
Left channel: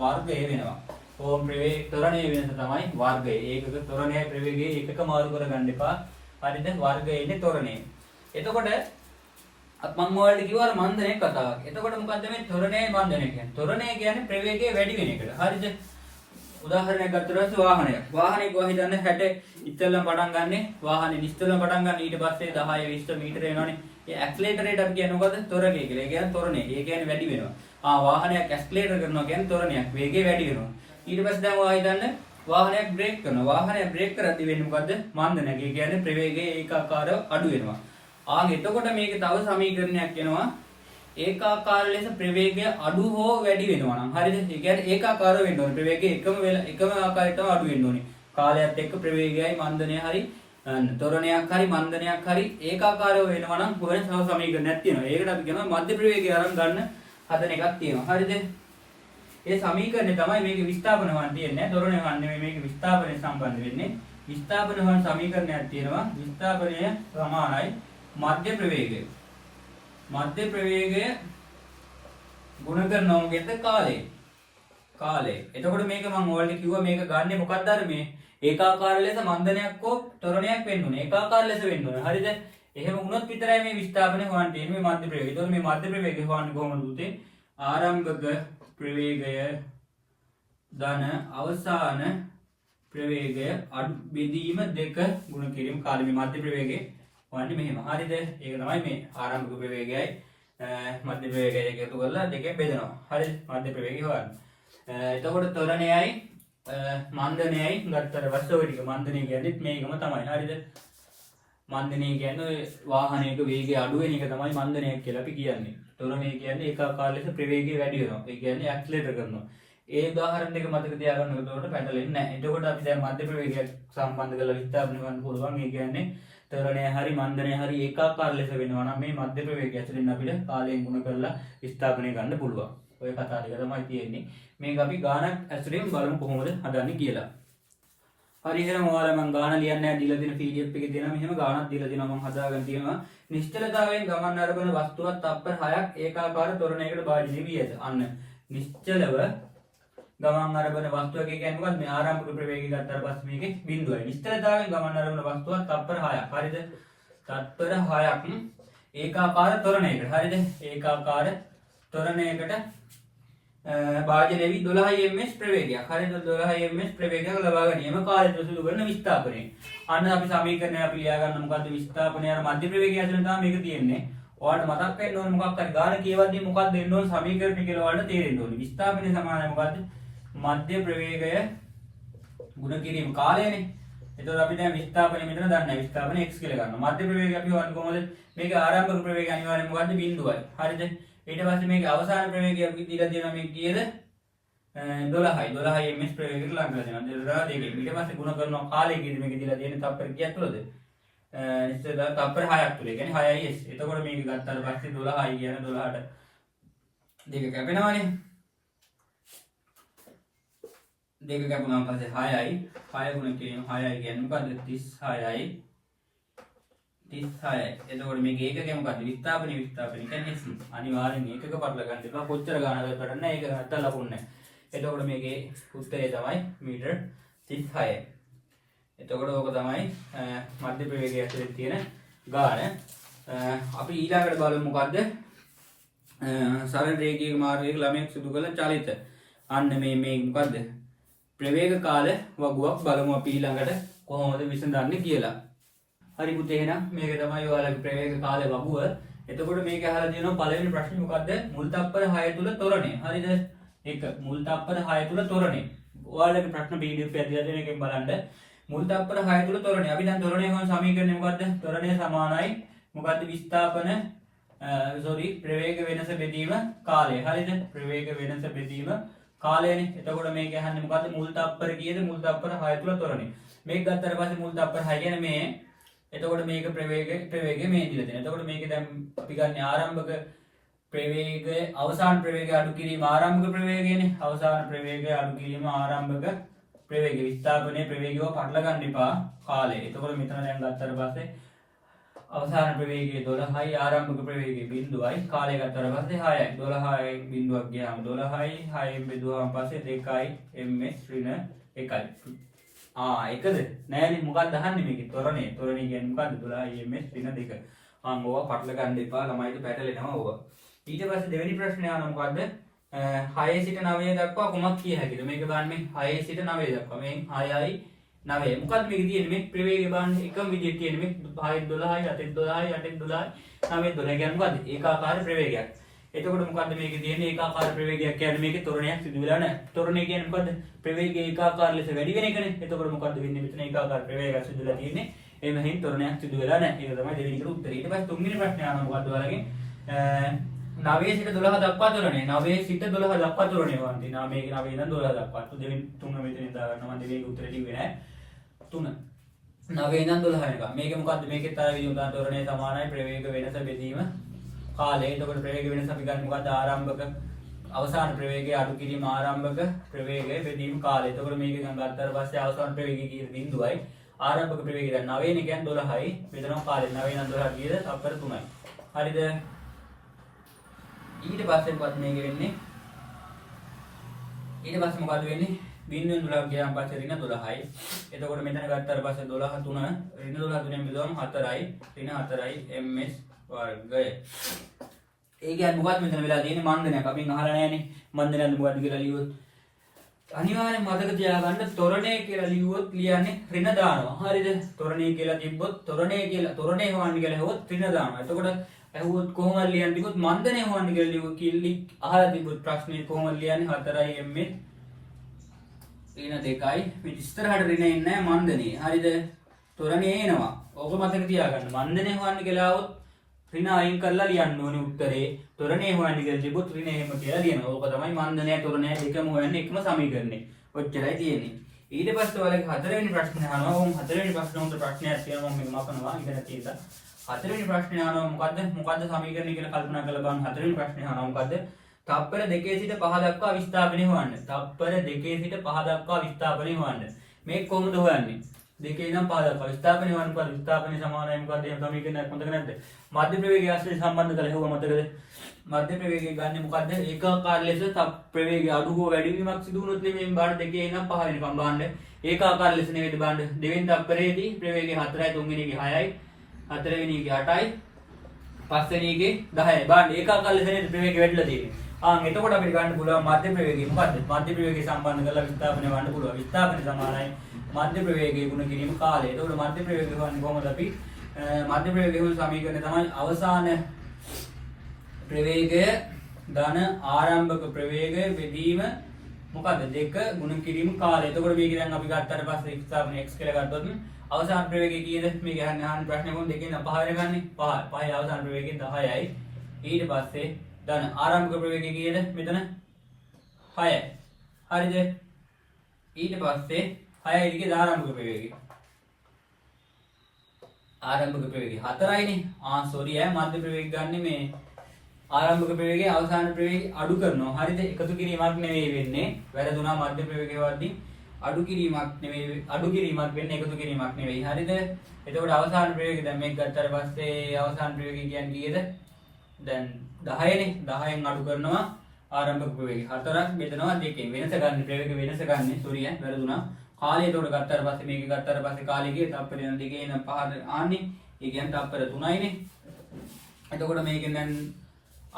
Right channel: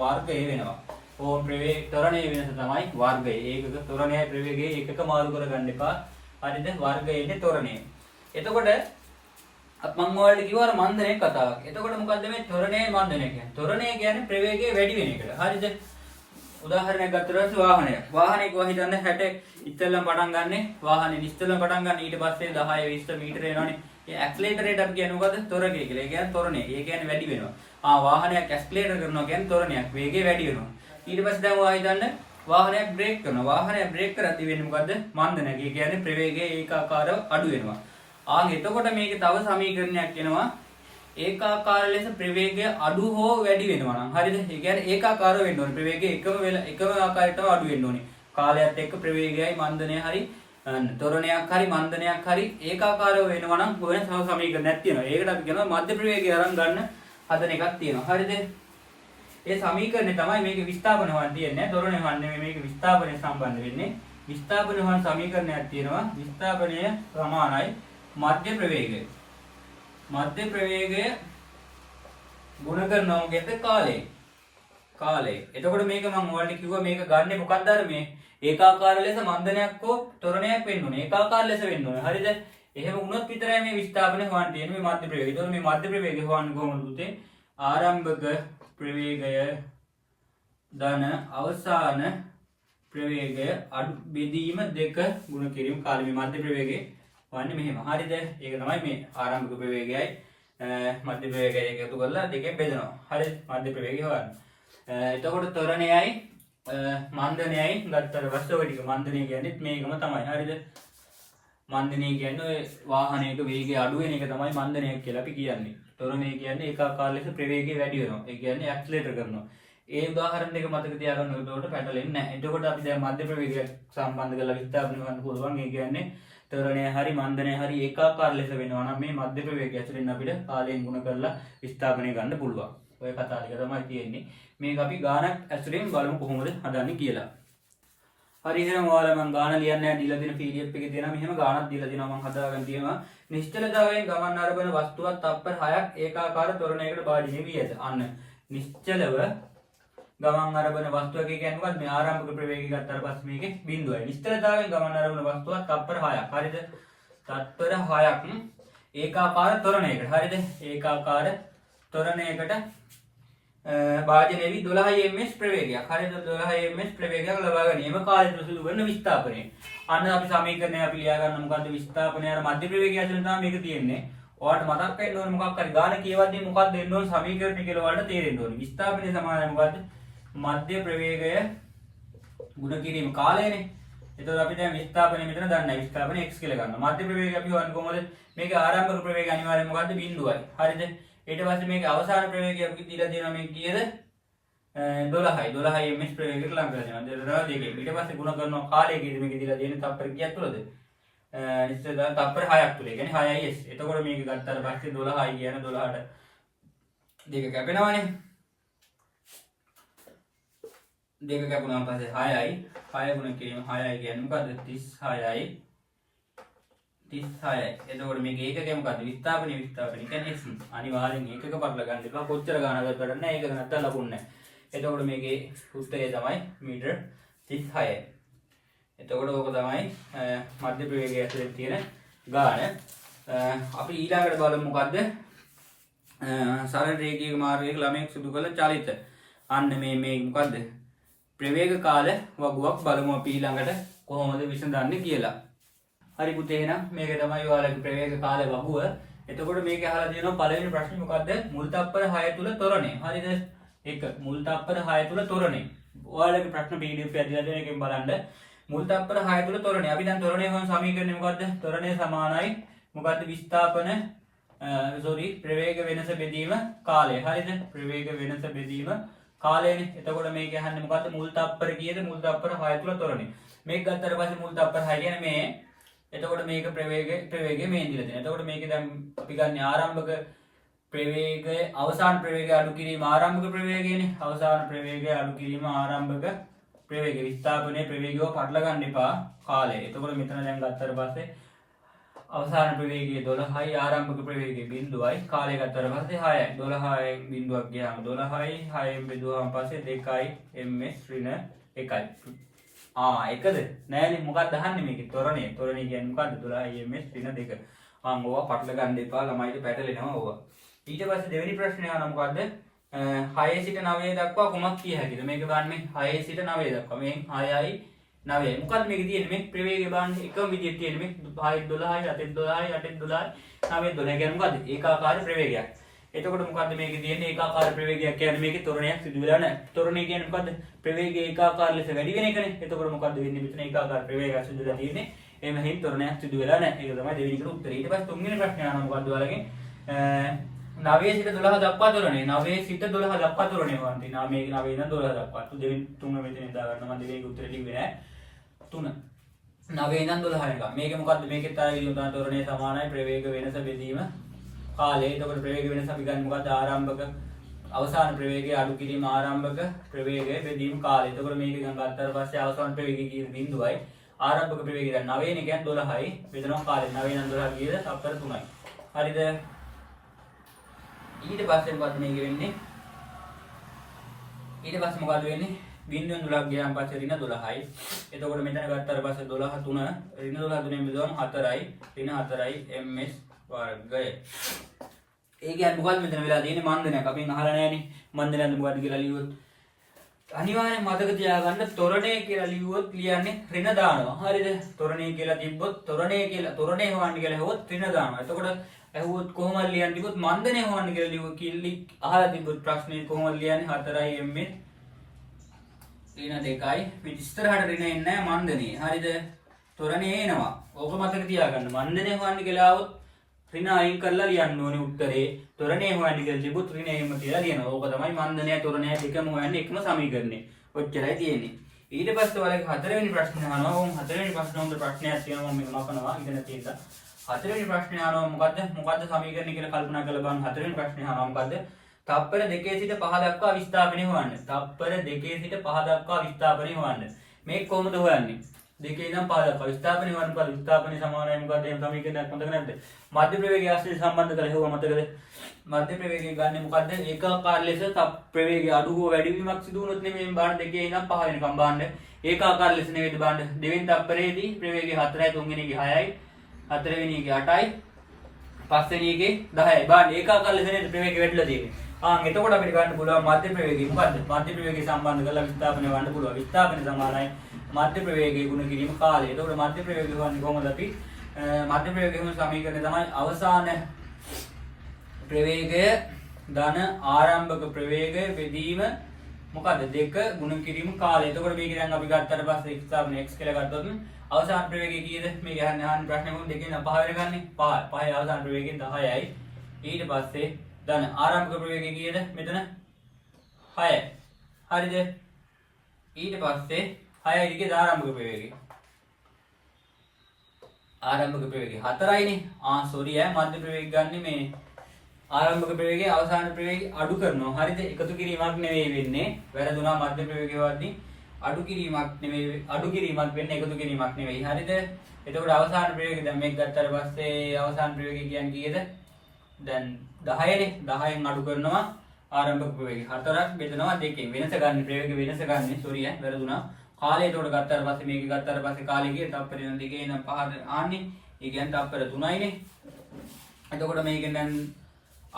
වර්ගය වෙනවා. ඕම් ප්‍රවේග ත්වරණය වෙනස තමයි වර්ගය. ඒකක ත්වරණය ප්‍රවේගයේ එකක මාරු කරගන්න එපා. හරිද? වර්ගය ඉන්නේ ත්වරණය. එතකොට මම ඔයාලට කිව්වා අර මන්දනයේ කතාවක්. එතකොට මොකද්ද මේ ත්වරණය මන්දනය කියන්නේ? ත්වරණය කියන්නේ ප්‍රවේගය වැඩි වෙන එකට. හරිද? උදාහරණයක් ගත්තොත් පස්සේ වාහනයක්. වාහනේ කොහොමද හිතන්නේ 60 ඉස්සෙල්ලම පටන් ගන්නෙ. වාහනේ ඉස්සෙල්ලම පටන් ගන්න ඊට පස්සේ 10 20 මීටර එනවනේ. ඒ ඇක්සලරේටර් අපි කියන්නේ මොකද්ද? ත්වරණය කියලා. ඒ කියන්නේ ත්වරණය. ඒ කියන්නේ වැඩි වෙනවා. වාහනයක් ඇක්සලරේටර් කරනවා කියන්නේ ත්වරණයක්. වේගය වැඩි වෙනවා. ඊට පස්සේ දැන් ඔයා හිතන්න වාහනයක් බ්‍රේක් කරනවා. වාහනයක් බ්‍රේක් කරද්දී වෙන්නේ මොකද්ද? මන්දනයක්. ඒ කියන්නේ ප්‍රවේගය ඒකාකාරව අඩු වෙනවා. එතකොට මේකේ තව සමීකරණයක් එනවා. ඒකාකාර ලෙස ප්‍රවේගය අඩු හෝ වැඩි වෙනවා නම් හරිද? ඒ කියන්නේ ඒකාකාරව වෙන්න ඕනේ. ප්‍රවේගය එකම ආකාරයටම අඩු වෙන්න ඕනේ. කාලයත් එක්ක ප්‍රවේගයයි මන්දනය හරි ත්වරණයක් හරි මන්දනයක් හරි ඒකාකාරව වෙනවා නම් වෙන තව සමීකරණයක් තියෙනවා. ඒකට අපි කියනවා මධ්‍ය ප්‍රවේගය අරන් ගන්න හදන එකක් තියෙනවා. හරිද? ඒ සමීකරණය තමයි මේකේ විස්ථාපන වන් තියෙන්නේ. ත්වරණය වන් නෙමෙයි මේකේ විස්ථාපනය සම්බන්ධ වෙන්නේ. විස්ථාපන වන් සමීකරණයක් තියෙනවා. විස්ථාපනය සමානයි මධ්‍ය ප්‍රවේගය. මධ්‍ය ප්‍රවේගය ගුණ කරනවා මොකද? කාලය. එතකොට මේක මම ඔයාලට කිව්වා මේක ගන්නෙ මොකක්ද? අර මේ ඒකාකාර ලෙස මන්දනයක් හෝ ත්වරණයක් වෙන්න ඕනේ. ඒකාකාර ලෙස වෙන්න ඕනේ. හරිද? එහෙම වුණොත් විතරයි මේ විස්ථාපනය හොයන්න තියෙන්නේ මේ මධ්‍ය ප්‍රවේගය. එතකොට මේ මධ්‍ය ප්‍රවේගය හොයන්න කොහොමද පුතේ? ආරම්භක ප්‍රවේගය ධන අවසාන ප්‍රවේගය අඩු බෙදීම 2 ගුණ කිරීම කාලය. මේ මධ්‍ය ප්‍රවේගය හොයන්නේ මෙහෙම. හරිද? ඒක තමයි මේ ආරම්භක ප්‍රවේගයයි මධ්‍ය ප්‍රවේගයයි එකතු කරලා දෙකෙන් බෙදනවා. හරිද? මධ්‍ය ප්‍රවේගය හොයන්න. එතකොට ත්වරණයයි මන්දනයයි ගත්තට පස්සේ ඔය ටික මන්දනය කියන්නේ මේකම තමයි. හරිද? මන්දනය කියන්නේ ඔය වාහනයක වේගය අඩු වෙන එක තමයි මන්දනයක් කියලා අපි කියන්නේ. ත්වරණය කියන්නේ ඒකාකාර ලෙස ප්‍රවේගය වැඩි වෙනවා. ඒ කියන්නේ ඇක්සලරේටර් කරනවා. ඒ උදාහරණ දෙක මතක තියාගන්න ඕනකොට පැටලෙන්නේ නැහැ. එතකොට අපි දැන් මධ්‍ය ප්‍රවේගයක් සම්බන්ධ කරලා විස්ථාපනය කරන්න පුළුවන්. ඒ කියන්නේ ත්වරණය හරි මන්දනය හරි ඒකාකාර ලෙස වෙනවා නම් මේ මධ්‍ය ප්‍රවේගය ඇතුළෙන් අපිට කාලයෙන් ගුණ කරලා විස්ථාපනය ගන්න පුළුවන්. ඔය කතා ටික තමයි තියෙන්නේ. මේක අපි ගානක් ඇතුළෙන් බලමු කොහොමද හදන්නේ කියලා. හරි එහෙනම් ඔයාලා මම ගාන ලියන්නේ දීලා දෙන PDF එකේ තියෙනවා මෙහෙම ගානක් දීලා දෙනවා මම හදාගෙන තියෙනවා නිශ්චලතාවයෙන් ගමන් අරබන වස්තුවක් තප්පර 6ක් ඒකාකාර ත්වරණයකට භාජනය වී ඇත. අන්න නිශ්චලව ගමන් අරබන වස්තුවක කියන්නේ මොකක්ද මේ ආරම්භක ප්‍රවේගය ගත්තාට පස්සේ මේකේ බිඳුවයි. නිශ්චලතාවයෙන් ගමන් අරබන වස්තුවක් තප්පර 6ක්. හරිද? තත්පර 6ක් ඒකාකාර ත්වරණයකට. හරිද? ඒකාකාර ත්වරණයකට භාජනය වී 12 ms ප්‍රවේගයක්. හරිද? 12 ms ප්‍රවේගයක් ලබා ගැනීම කාලය තුළ සිදු කරන විස්ථාපනය. අන්න අපි සමීකරණය අපි ලියා ගන්න මොකද්ද විස්ථාපනය අර මධ්‍ය ප්‍රවේගය ඇතුළේ තමයි මේක තියෙන්නේ. ඔයාලට මතක් වෙන්න ඕනේ මොකක් හරි ගාන කියවද්දී මොකක්ද දෙන්න ඕනේ සමීකරණය කියලා ඔයාලට තේරෙන්න ඕනේ. විස්ථාපනය සමානයි මොකද්ද? මධ්‍ය ප්‍රවේගය ගුණ කිරීම කාලයනේ. එතකොට අපි දැන් විස්ථාපනය මෙතන දන්නේ විස්ථාපනය x කියලා ගන්නවා. මධ්‍ය ප්‍රවේගය අපි හොයන්නේ කොහොමද? මේක ආරම්භක ප්‍රවේගය අනිවාර්යයෙන් මොකද්ද? බිඳුවයි. හරිද? ඊට පස්සේ මේක අවසාන ප්‍රවේගය අපි දීලා තියෙනවා මේක කීයද? 12 ms ප්‍රවේගයකට ලං කරලා දෙනවා. 12 දෙකේ. ඊට පස්සේ ගුණ කරනවා කාලය කීයද මේක දීලා තියෙන්නේ තප්පර කීයක් තුලද? ඉස්සෙල්ල තප්පර 6ක් තුල. ඒ කියන්නේ 6is. එතකොට මේක ගත්තාට පස්සේ 12i කියන 12ට දෙක කැපෙනවානේ. දෙක කැපුණාන් පස්සේ 6i 6 ගුණ කිරීම 6i කියන්නේ මොකද්ද 36i 36යි. එතකොට මේක ඒකකේ මොකද්ද විස්ථාපනය කියන්නේ x. අනිවාර්යෙන් ඒකක පරල ගන්න එපා. කොච්චර ගානකට වැඩක් නැහැ. ඒක නැත්තම් ලකුණු නැහැ. එතකොට මේකේ උත්තරය තමයි මීටර් 36යි. එතකොට ඕක තමයි මධ්‍ය ප්‍රවේගය ඇතුලේ තියෙන ගාන. අපි ඊළඟට බලමු මොකද්ද සරල රේඛීය මාර්ගයක ළමයෙක් සිදු කළ චලිත. අන්න මේ මොකද්ද ප්‍රවේග කාල වගුවක් බලමු අපි ඊළඟට කොහොමද විසඳන්නේ කියලා. හරි පුතේ එහෙනම් මේක තමයි ඔයාලගේ ප්‍රවේග කාල වගුව. එතකොට මේක අහලා තියෙනවා පළවෙනි ප්‍රශ්නේ මොකද්ද? මුල් තප්පර 6 තුල ත්වරණය. හරිද? එක මුල් තප්පර 6 තුල ත්වරණය. ඔයාලගේ ප්‍රශ්න PDF එක ඇදලා දෙන එකෙන් බලන්න. මුල් තප්පර 6 තුල ත්වරණය. අපි දැන් ත්වරණය හොයන සමීකරණය මොකද්ද? ත්වරණය සමානයි මොකද්ද විස්ථාපන ප්‍රවේග වෙනස බෙදීම කාලය. හරිද? ප්‍රවේග වෙනස බෙදීම කාලයනේ. එතකොට මේක අහන්නේ මොකද්ද? මුල් තප්පර කීයද? මුල් තප්පර 6 තුල ත්වරණය. මේක ගත්තාට පස්සේ මුල් තප්පර 6 කියන්නේ මේ. එතකොට මේක ප්‍රවේගය මේ දිලා තියෙනවා. එතකොට මේකේ දැන් අපි ගන්න ආරම්භක ප්‍රවේගය අවසාන ප්‍රවේගය අඩු කිරීම ආරම්භක ප්‍රවේගයනේ. අවසාන ප්‍රවේගය අඩු කිරීම ආරම්භක ප්‍රවේගය. විස්ථාපනයේ ප්‍රවේගයව පටල ගන්න එපා කාලය. එතකොට මෙතන දැන් ගත්තාට පස්සේ අවසාන ප්‍රවේගය 12යි ආරම්භක ප්‍රවේගය 0යි කාලය ගත්තාට පස්සේ 6යි 12යි බිඳුවක් ගියාම 12යි 6ෙන් බෙදුවාම පස්සේ 2යි ms ඍණ 1යි. එකද නෑනේ මොකක්ද අහන්නේ මේකේ ත්වරණය කියන්නේ මොකද්ද 12 ms ඍණ 2. ඕවා පටල ගන්න එපා ළමයිට පැටලෙනවා ඕවා. ඊට පස්සේ දෙවෙනි ප්‍රශ්නේ අහන මොකද්ද 6 සිට 9 දක්වා කොමක් කිය හැකිද? මේක බලන්නේ 6 සිට 9 දක්වා. මේ 6යි 9. මොකද්ද මේක තියෙන්නේ? මේ ප්‍රවේගය බලන්න එකම විදිහට තියෙන්නේ. මේ 6යි 12යි 8යි 12යි 8යි 12යි 9යි 12. කියන්නේ මොකද්ද? ඒකාකාර ප්‍රවේගයක්. එතකොට මොකද්ද මේකේ තියෙන්නේ? ඒකාකාර ප්‍රවේගයක් කියන්නේ මේකේ ත්වරණයක් සිදු වෙලා නැහැ. ත්වරණය කියන්නේ මොකද්ද? ප්‍රවේගය ඒකාකාර ලෙස වැඩි වෙන එකනේ. එතකොට මොකද්ද වෙන්නේ? මෙතන ඒකාකාර ප්‍රවේගයක් සිදු වෙලා තියෙන්නේ. එහෙම හින් ත්වරණයක් සිදු වෙලා නැහැ. ඒක තමයි දෙවෙනි එකට උත්තරය. ඊට පස්සේ තුන්වෙනි ප්‍රශ්නේ අහනවා මොකද්ද ඔයාලගෙන්? 9 සිට 12 දක්වා ත්වරණය. 9 සිට 12 දක්වා ත්වරණය වන්ති. 9 ඉඳන් 12 දක්වා. දෙවෙනි තුන්වෙනි මෙතන දා ගන්න මම දෙවෙනි උත්තරේ ලිව්වේ නැහැ. 3 9 ඉඳන් 12 වෙනකම්. මේකේ මොකද්ද? මේකෙත් ආයෙ විදිහට උදාන ත්වරණය සමානයි ප්‍රවේග වෙනස බෙදීම කාලය. එතකොට ප්‍රවේග වෙනස අපි ගන්න මොකද්ද? ආරම්භක අවසාන ප්‍රවේගය අඩු කිරීම ආරම්භක ප්‍රවේගය බෙදීම කාලය. එතකොට මේක ගන්න ගත්තාට පස්සේ අවසාන ප්‍රවේගය කීයද? 0යි. ආරම්භක ප්‍රවේගය දැන් 9 නේ කියන්නේ 12යි. බෙදනවා කාලය 9 ඉඳන් 12 කීයද? තප්පර 3යි. හරිද? ඊට පස්සේ මොකද මේක වෙන්නේ? ඊට පස්සේ මොකද වෙන්නේ? බිඳුවෙන් 12ක් ගියාම පස්සේ ඍණ 12යි. එතකොට මෙතන ගත්තාට පස්සේ 12 3 ඍණ 12 3ෙන් බෙදුවම 4යි. ඍණ 4යි ms වර්ගය. ඒ කියන්නේ මොකද්ද මෙතන වෙලා තියෙන්නේ? මන්දනයක්. අපින් අහලා නැහැනේ. මන්දනයක්ද මොකද්ද කියලා ලියුවොත් අනිවාර්යෙන් මතක තියාගන්න ත්වරණය කියලා ලියුවොත් ලියන්නේ ඍණ දානවා. හරිද? ත්වරණය කියලා තිබ්බොත් ත්වරණය හොවන්න කියලා හෙවොත් ඍණ දානවා. එතකොට ඇහුවොත් කොහොමද ලියන්නේ කිව්වොත් මන්දනය හොවන්න කියලා ලියුවොත් කිල්ලි අහලා තිබ්බොත් ප්‍රශ්නේ කොහොමද ලියන්නේ? 4යි ms ඍණ 2යි. මේ ඉස්සරහට ඍණ එන්නේ නැහැ මන්දනේ. හරිද? ත්වරණය එනවා. ඕක මතක තියාගන්න. මන්දනය හොවන්න කියලා આવොත් ඍණ අයින් කරලා ලියන්න ඕනේ උත්තරේ. ත්වරණය හොයන්න කියලා තිබ්බොත් ඍණ එහෙම කියලා ලියනවා. ඕක තමයි මන්දනය ත්වරණය දෙකම හොයන්නේ එකම සමීකරණේ. ඔච්චරයි තියෙන්නේ. ඊට පස්සේ ඔයාලගේ හතරවෙනි ප්‍රශ්නේ අහනවා. ඕම් හතරවෙනි ප්‍රශ්න උන්ට ප්‍රශ්නයක් තියෙනවා මම මකනවා ඉගෙන තියෙනවා. හතරවෙනි ප්‍රශ්නේ අහනවා මොකද්ද සමීකරණය කියලා කල්පනා කරලා බලන්න. හතරවෙනි ප්‍රශ්නේ අහනවා මොකද්ද? තප්පර 2 සිට 5 දක්වා විස්ථාපනය හොයන්න. තප්පර 2 සිට 5 දක්වා විස්ථාපනය හොයන්න. මේක කොහොමද හොයන්නේ? දෙකේ ඉඳන් පහ දක්වා විස්ථාපනයේ වර්ණඵල විස්ථාපනයේ සමානයි මොකක්ද? එහෙම තමයි කියන්නේ මතක නැද්ද? මධ්‍ය ප්‍රවේගය ආශ්‍රිත සම්බන්ධ කරලා හෙවුවා මතකද? මධ්‍ය ප්‍රවේගය ගන්න මොකද්ද? ඒකාකාර ලෙස ප්‍රවේගය අඩු හෝ වැඩි වීමක් සිදු වුණොත් නෙමෙයි මේ බාහන දෙකේ ඉඳන් පහ වෙනකම් බාහන්න. ඒකාකාර ලෙස නෙවෙයි බාහන්න. දෙවෙනි තප්පරයේදී ප්‍රවේගය 4යි, තුන්වෙනි එකේ 6යි, හතරවෙනි එකේ 8යි, පස්වෙනි එකේ 10යි. බාහන්න ඒකාකාර ලෙස නේද ප්‍රවේගය වැඩිලා තියෙන්නේ. එතකොට අපිට ගන්න පුළුවන් මධ්‍ය ප්‍රවේගය මොකද්ද? මධ්‍ය ප්‍රවේගය සම්බන්ධ කරලා විස්ථාපනය වන්න පුළුවන්. විස්ථාපනය සමානයි මධ්‍ය ප්‍රවේගය ගුණ කිරීම කාලය. එතකොට මධ්‍ය ප්‍රවේගය ගන්න කොහොමද අපි? මධ්‍ය ප්‍රවේගය ගුණ සමීකරණය තමයි අවසාන ප්‍රවේගය ධන ආරම්භක ප්‍රවේගය බෙදීම මොකද්ද? 2 ගුණ කිරීම කාලය. එතකොට මේක දැන් අපි ගත්තට පස්සේ විස්ථාපනය x කියලා ගත්තොත් අවසාන ප්‍රවේගය කීයද? මේක අහන්න ප්‍රශ්නේ කොහොමද දෙකෙන් 5 වෙනගන්නේ? 5. 5 අවසාන ප්‍රවේගය 10යි. ඊට පස්සේ ධන ආරම්භක ප්‍රවේගය කීයද? මෙතන 6යි. හරිද? ඊට පස්සේ 6යි එකේ ආරම්භක ප්‍රවේගය. ආරම්භක ප්‍රවේගය 4යිනේ. සෝරි මධ්‍ය ප්‍රවේගය ගන්න මේ ආරම්භක ප්‍රවේගය අවසාන ප්‍රවේගය අඩු කරනවා. හරිද? එකතු කිරීමක් නෙවෙයි වෙන්නේ. වැරදුනා මධ්‍ය ප්‍රවේගය වර්ධි අඩු කිරීමක් නෙවෙයි අඩු කිරීමක් වෙන්නේ එකතු කිරීමක් නෙවෙයි. හරිද? එතකොට අවසාන ප්‍රවේගය දැන් මේක ගත්තට පස්සේ අවසාන ප්‍රවේගය කියන්නේ කීයද? දැන් 10නේ. 10න් අඩු කරනවා ආරම්භක ප්‍රවේගය. 4ක් බෙදනවා 2කින්. වෙනස ගන්න ප්‍රවේග වෙනස ගන්න. සෝරි වැරදුනා. කාලය එතකොට ගත්තට පස්සේ මේක ගත්තට පස්සේ කාලය ගියේ තප්පර 2 ඉඳන් 5ට ආන්නේ. ඒ කියන්නේ තප්පර 3යිනේ. එතකොට මේකෙන් දැන්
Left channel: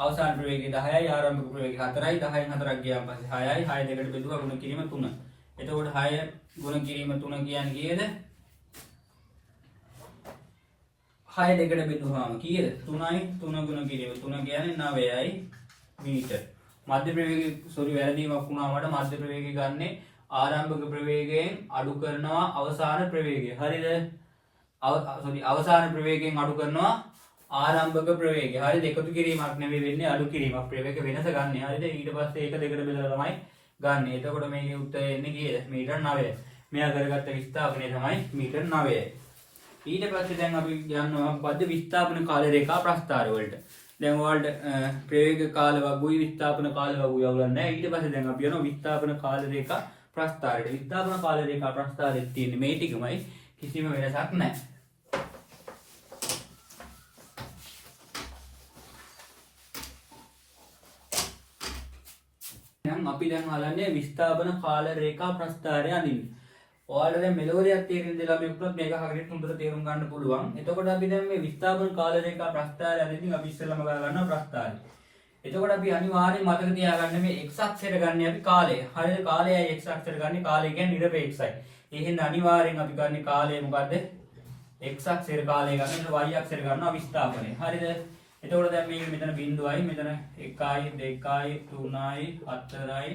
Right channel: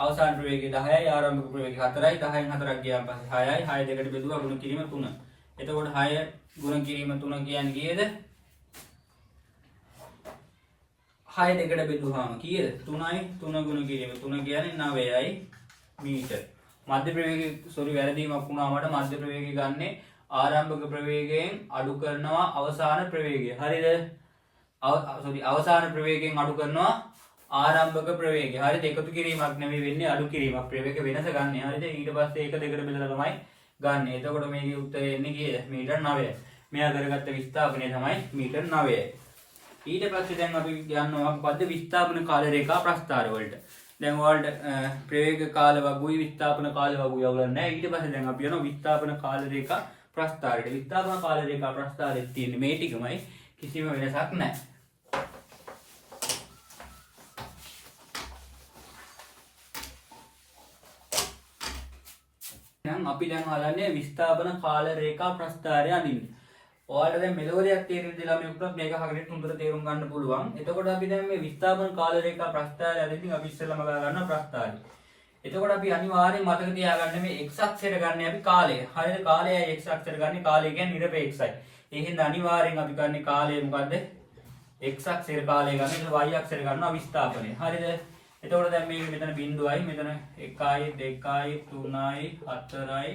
අවසාන ප්‍රවේගය 10යි ආරම්භක ප්‍රවේගය 4යි. 10න් 4ක් ගියාන් පස්සේ 6යි. 6 දෙකට බෙදුවා ගුණ කිරීම 3. එතකොට 6 ගුණ කිරීම 3 කියන්නේ කීයද? 6 දෙකට බෙදුවාම කීයද? 3යි. 3 ගුණ කිරීම 3 කියන්නේ 9යි මීටර. මධ්‍ය ප්‍රවේගය සෝරි වැරදීමක් වුණා මට. මධ්‍ය ප්‍රවේගය ගන්නේ ආරම්භක ප්‍රවේගයෙන් අඩු කරනවා අවසාන ප්‍රවේගය. හරිද? සෝරි අවසාන ප්‍රවේගයෙන් අඩු කරනවා ආරම්භක ප්‍රවේගය. හරිද? එකතු කිරීමක් නෙවෙයි වෙන්නේ අඩු කිරීමක්. ප්‍රවේග වෙනස ගන්න. හරිද? ඊට පස්සේ ඒක දෙකට බෙදලා තමයි ගන්න. එතකොට මේකේ උත්තරය එන්නේ කීයද? මීටර් 9යි. මෙයා කරගත්ත විස්ථාපනය තමයි මීටර් 9යි. ඊට පස්සේ දැන් අපි යනවා මොකද්ද? විස්ථාපන කාල රේඛා ප්‍රස්ථාර වලට. දැන් ඔයාලට ප්‍රවේග කාල වගුයි විස්ථාපන කාල වගුයි අවුලක් නැහැ. ඊට පස්සේ දැන් අපි යනවා විස්ථාපන කාල රේඛා ප්‍රස්ථාරයට. විස්ථාපන කාල රේඛා ප්‍රස්ථාරයේ තියෙන මේ ටිකමයි කිසිම වෙනසක් නැහැ. අපි දැන් හදන්නේ විස්ථාපන කාල රේඛා ප්‍රස්ථාරය අඳින්න. ඔයාලට දැන් මෙලොව දෙයක් තේරෙන්න දෙලා අපි උත්තර මේක හරියට හොඳට තේරුම් ගන්න පුළුවන්. එතකොට අපි දැන් මේ විස්ථාපන කාල රේඛා ප්‍රස්ථාරය අඳින්න අපි ඉස්සෙල්ලාම ගා ගන්නවා ප්‍රස්ථාරය. එතකොට අපි අනිවාර්යයෙන් මතක තියාගන්න මේ x අක්ෂයට ගන්න අපි කාලය. හරිද? කාලයයි x අක්ෂයට ගන්න කාලය කියන්නේ නිරපේක්ෂයි. ඒකෙන් අනිවාර්යෙන් අපි ගන්න කාලය මොකද්ද? x අක්ෂයට කාලය ගන්න. ඊට y අක්ෂයට ගන්නවා විස්ථාපනය. හරිද? එතකොට දැන් මේක මෙතන බිඳුවයි, මෙතන 1යි, 2යි, 3යි, 4යි,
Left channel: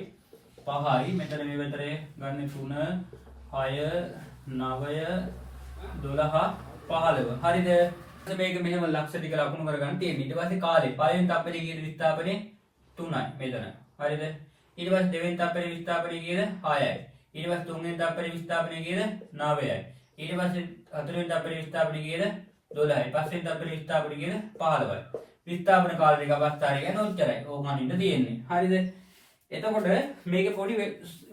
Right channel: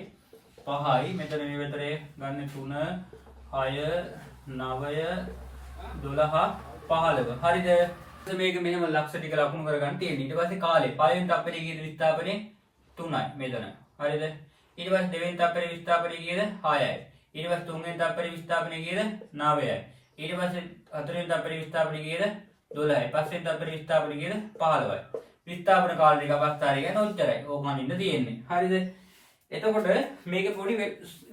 5යි. මෙතන මේ විතරේ ගන්න 3, 6, 9, 12, 15. හරිද? මේක මෙහෙම ලක්ෂ ටික ලකුණු කරගන්න තියෙනවා. ඊට පස්සේ කාලේ පළවෙනි තප්පරේ කීයද විස්ථාපනේ? 3යි මෙතන. හරිද? ඊට පස්සේ දෙවෙනි තප්පරේ විස්ථාපනේ කීයද? 6යි. ඊට පස්සේ තුන්වෙනි තප්පරේ විස්ථාපනේ කීයද? 9යි. ඊට පස්සේ හතරවෙනි තප්පරේ විස්ථාපනේ කීයද? 12යි. පස්වෙනි තප්පරේ විස්ථාපනේ කීයද? 15යි. විස්ථාපන කාල දෙක අවස්ථාරය කියන්නේ ඔච්චරයි. ඕක අනින්න තියෙන්නේ. හරිද? එතකොට මේකේ පොඩි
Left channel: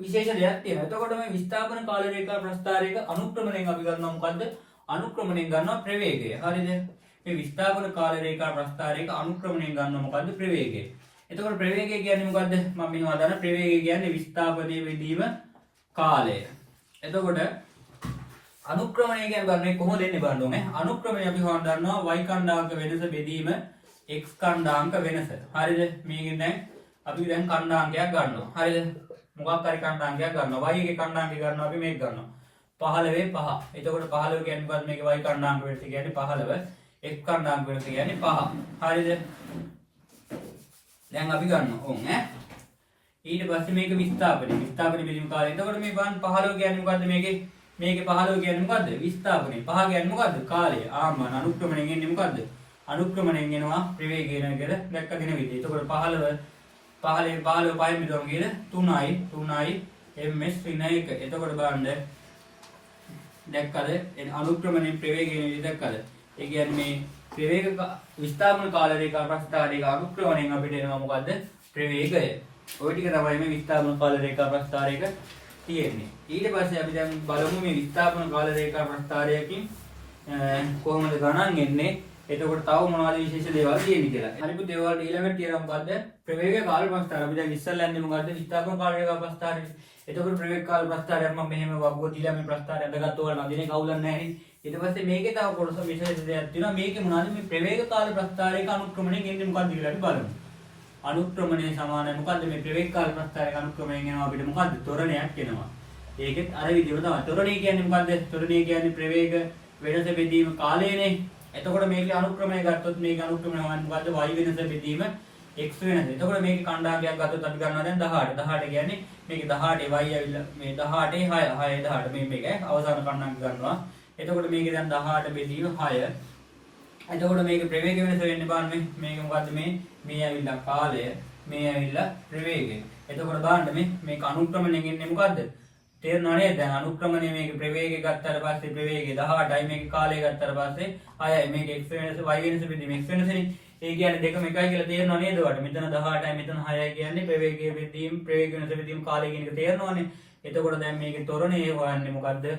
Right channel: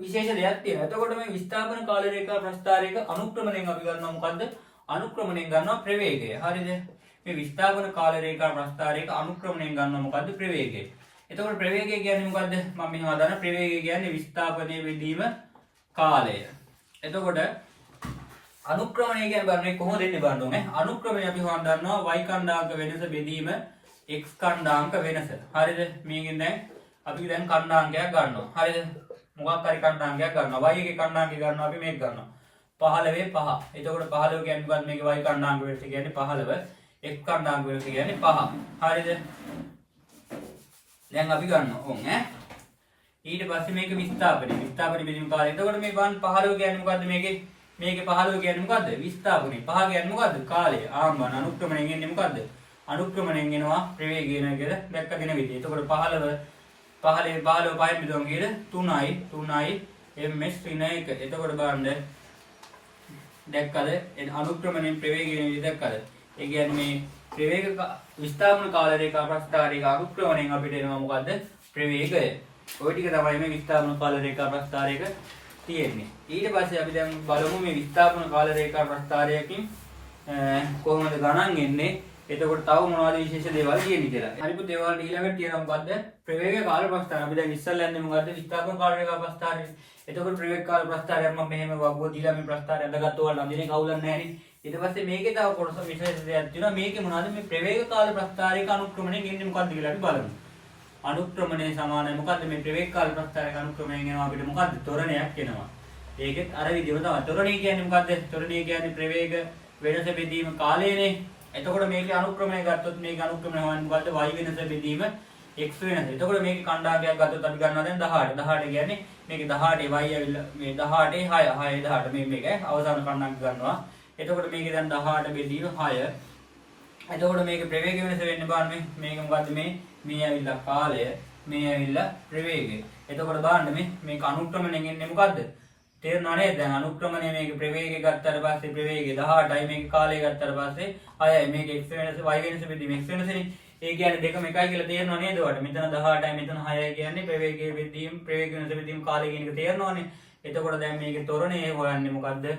විශේෂ දෙයක් තියෙනවා. එතකොට මේ විස්ථාපන කාල රේඛා ප්‍රස්ථාරයක අනුක්‍රමණයෙන් අපි ගන්නවා මොකද්ද? අනුක්‍රමණයෙන් ගන්නවා ප්‍රවේගය. හරිද? මේ විස්ථාපන කාල රේඛා ප්‍රස්ථාරයක අනුක්‍රමණයෙන් ගන්නවා මොකද්ද? ප්‍රවේගය. එතකොට ප්‍රවේගය කියන්නේ මොකද්ද? මම මෙහෙම හදාන ප්‍රවේගය කියන්නේ විස්ථාපනයේ වෙදීම කාලය. එතකොට අනුක්‍රමණය කියන්නේ බලන්න කොහොමද එන්නේ බලන්න ඕනේ. අනුක්‍රමණය අපි හොයන්න ගන්නවා y කණ්ඩාංක වෙනස බෙදීම x කණ්ඩාංක වෙනස. හරිද? මේකෙන් දැන් අපි දැන් කණ්ඩාංකයක් ගන්නවා. හරිද? මොකක් හරි කණ්ඩාංකයක් ගන්නවා. y එකේ කණ්ඩාංකය ගන්නවා අපි මේක ගන්නවා. 15 5. එතකොට 15 කියන්නේ මොකක්ද? මේක y කණ්ඩාංක වෙනස කියන්නේ 15. x කණ්ඩාංක වෙනස කියන්නේ 5. හරිද? දැන් අපි ගන්නවා. ඔව් ඈ. ඊට පස්සේ මේක විස්ථාපනය. විස්ථාපනය බෙදීම කාලය. එතකොට මේ බලන්න 15 කියන්නේ මොකද්ද මේකේ? මේකේ 15 කියන්නේ මොකද්ද? විස්ථාපනය. 5 කියන්නේ මොකද්ද? කාලය. ආම්මන අනුක්‍රමණයෙන් එන්නේ මොකද්ද? අනුක්‍රමණයෙන් එනවා ප්‍රවේගය නේද? දැක්කගෙන විදිහ. එතකොට 15 5න් බෙදුවම කීයද? 3යි 3යි ms ඍණ 1. එතකොට බලන්න දැක්කද? අනුක්‍රමණයෙන් ප්‍රවේගය නේද දැක්කද? ඒ කියන්නේ මේ ප්‍රවේග විස්ථාපන කාල රේඛා ප්‍රස්ථාරයක අනුක්‍රමණයෙන් අපිට එනවා මොකද්ද? ප්‍රවේගය. ওই ටික තමයි මේ විස්ථාපන කාල රේඛා ප්‍රස්ථාරයක තියෙන්නේ. ඊට පස්සේ අපි දැන් බලමු මේ විස්ථාපන කාල රේඛා ප්‍රස්ථාරයකින් කොහොමද ගණන් එන්නේ. එතකොට තව මොනවද විශේෂ දේවල් තියෙන්නේ කියලා. හරිපු දේවල් ඊළඟට තියෙනවා මොකද්ද? ප්‍රවේග කාල ප්‍රස්ථාර. අපි දැන් ඉස්සල්ලා යන්නේ මොකද්ද? විස්ථාපන කාල රේඛා ප්‍රස්ථාරය. එතකොට ප්‍රවේග කාල ප්‍රස්ථාරයක් මම මෙහෙම වගුව දීලා මේ ප්‍රස්ථාරය අඳගත්ත ඔයාලා නදිනේ කවුලක් නැහැ නේ. ඊට පස්සේ මේකේ තව කොටස විශේෂ දෙයක් තියෙනවා. මේකේ මොනවද මේ ප්‍රවේග කාල ප්‍රස්ථාරයක අනුක්‍රමණය කියන්නේ මොකද්ද කියලා අපි බලමු. අනුක්‍රමණය සමානයි මොකද්ද මේ ප්‍රවේග කාල ප්‍රස්ථාරයක අනුක්‍රමණය කියනවා අපිට මොකද්ද? ත්වරණයක් එනවා. ඒකෙත් අර විදිහම තමයි. ත්වරණය කියන්නේ මොකද්ද? ත්වරණය කියන්නේ ප්‍රවේග වෙනස බෙදීම කාලයනේ. එතකොට මේකේ අනුක්‍රමණය ගත්තොත් මේකේ අනුක්‍රමණය හොයන්නේ මොකද්ද? y වෙනස බෙදීම x වෙනස. එතකොට මේකේ කණ්ඩායමක් ගත්තොත් අපි ගන්නවා දැන් 18. 18 කියන්නේ මේකේ 18 y ඇවිල්ලා මේ 18 6 18 මේ මේක අවසාන කණ්ඩායමක් ගන්නවා. එතකොට මේකේ දැන් 18 බෙදීම 6. එතකොට මේකේ ප්‍රවේග වෙනස වෙන්නේ බලන්න මේක මොකද්ද මේ ඇවිල්ලා කාලය මේ ඇවිල්ලා ප්‍රවේගය. එතකොට බලන්න මේක අනුක්‍රමණයෙන් එන්නේ මොකද්ද? තේරුණා නේද? දැන් අනුක්‍රමණය මේක ප්‍රවේගය ගත්තාට පස්සේ ප්‍රවේගය 18යි මේක කාලය ගත්තාට පස්සේ 6යි මේක x වෙනස y වෙනස බෙදීම x වෙනසනේ. ඒ කියන්නේ දෙකම එකයි කියලා තේරෙනව නේද ඔයාලට? මෙතන 18යි මෙතන 6යි කියන්නේ ප්‍රවේගයේ බෙදීම ප්‍රවේග වෙනස බෙදීම කාලය කියන එක තේරෙනවනේ. එතකොට දැන් මේකේ ත්වරණය හොයන්නේ මොකද්ද?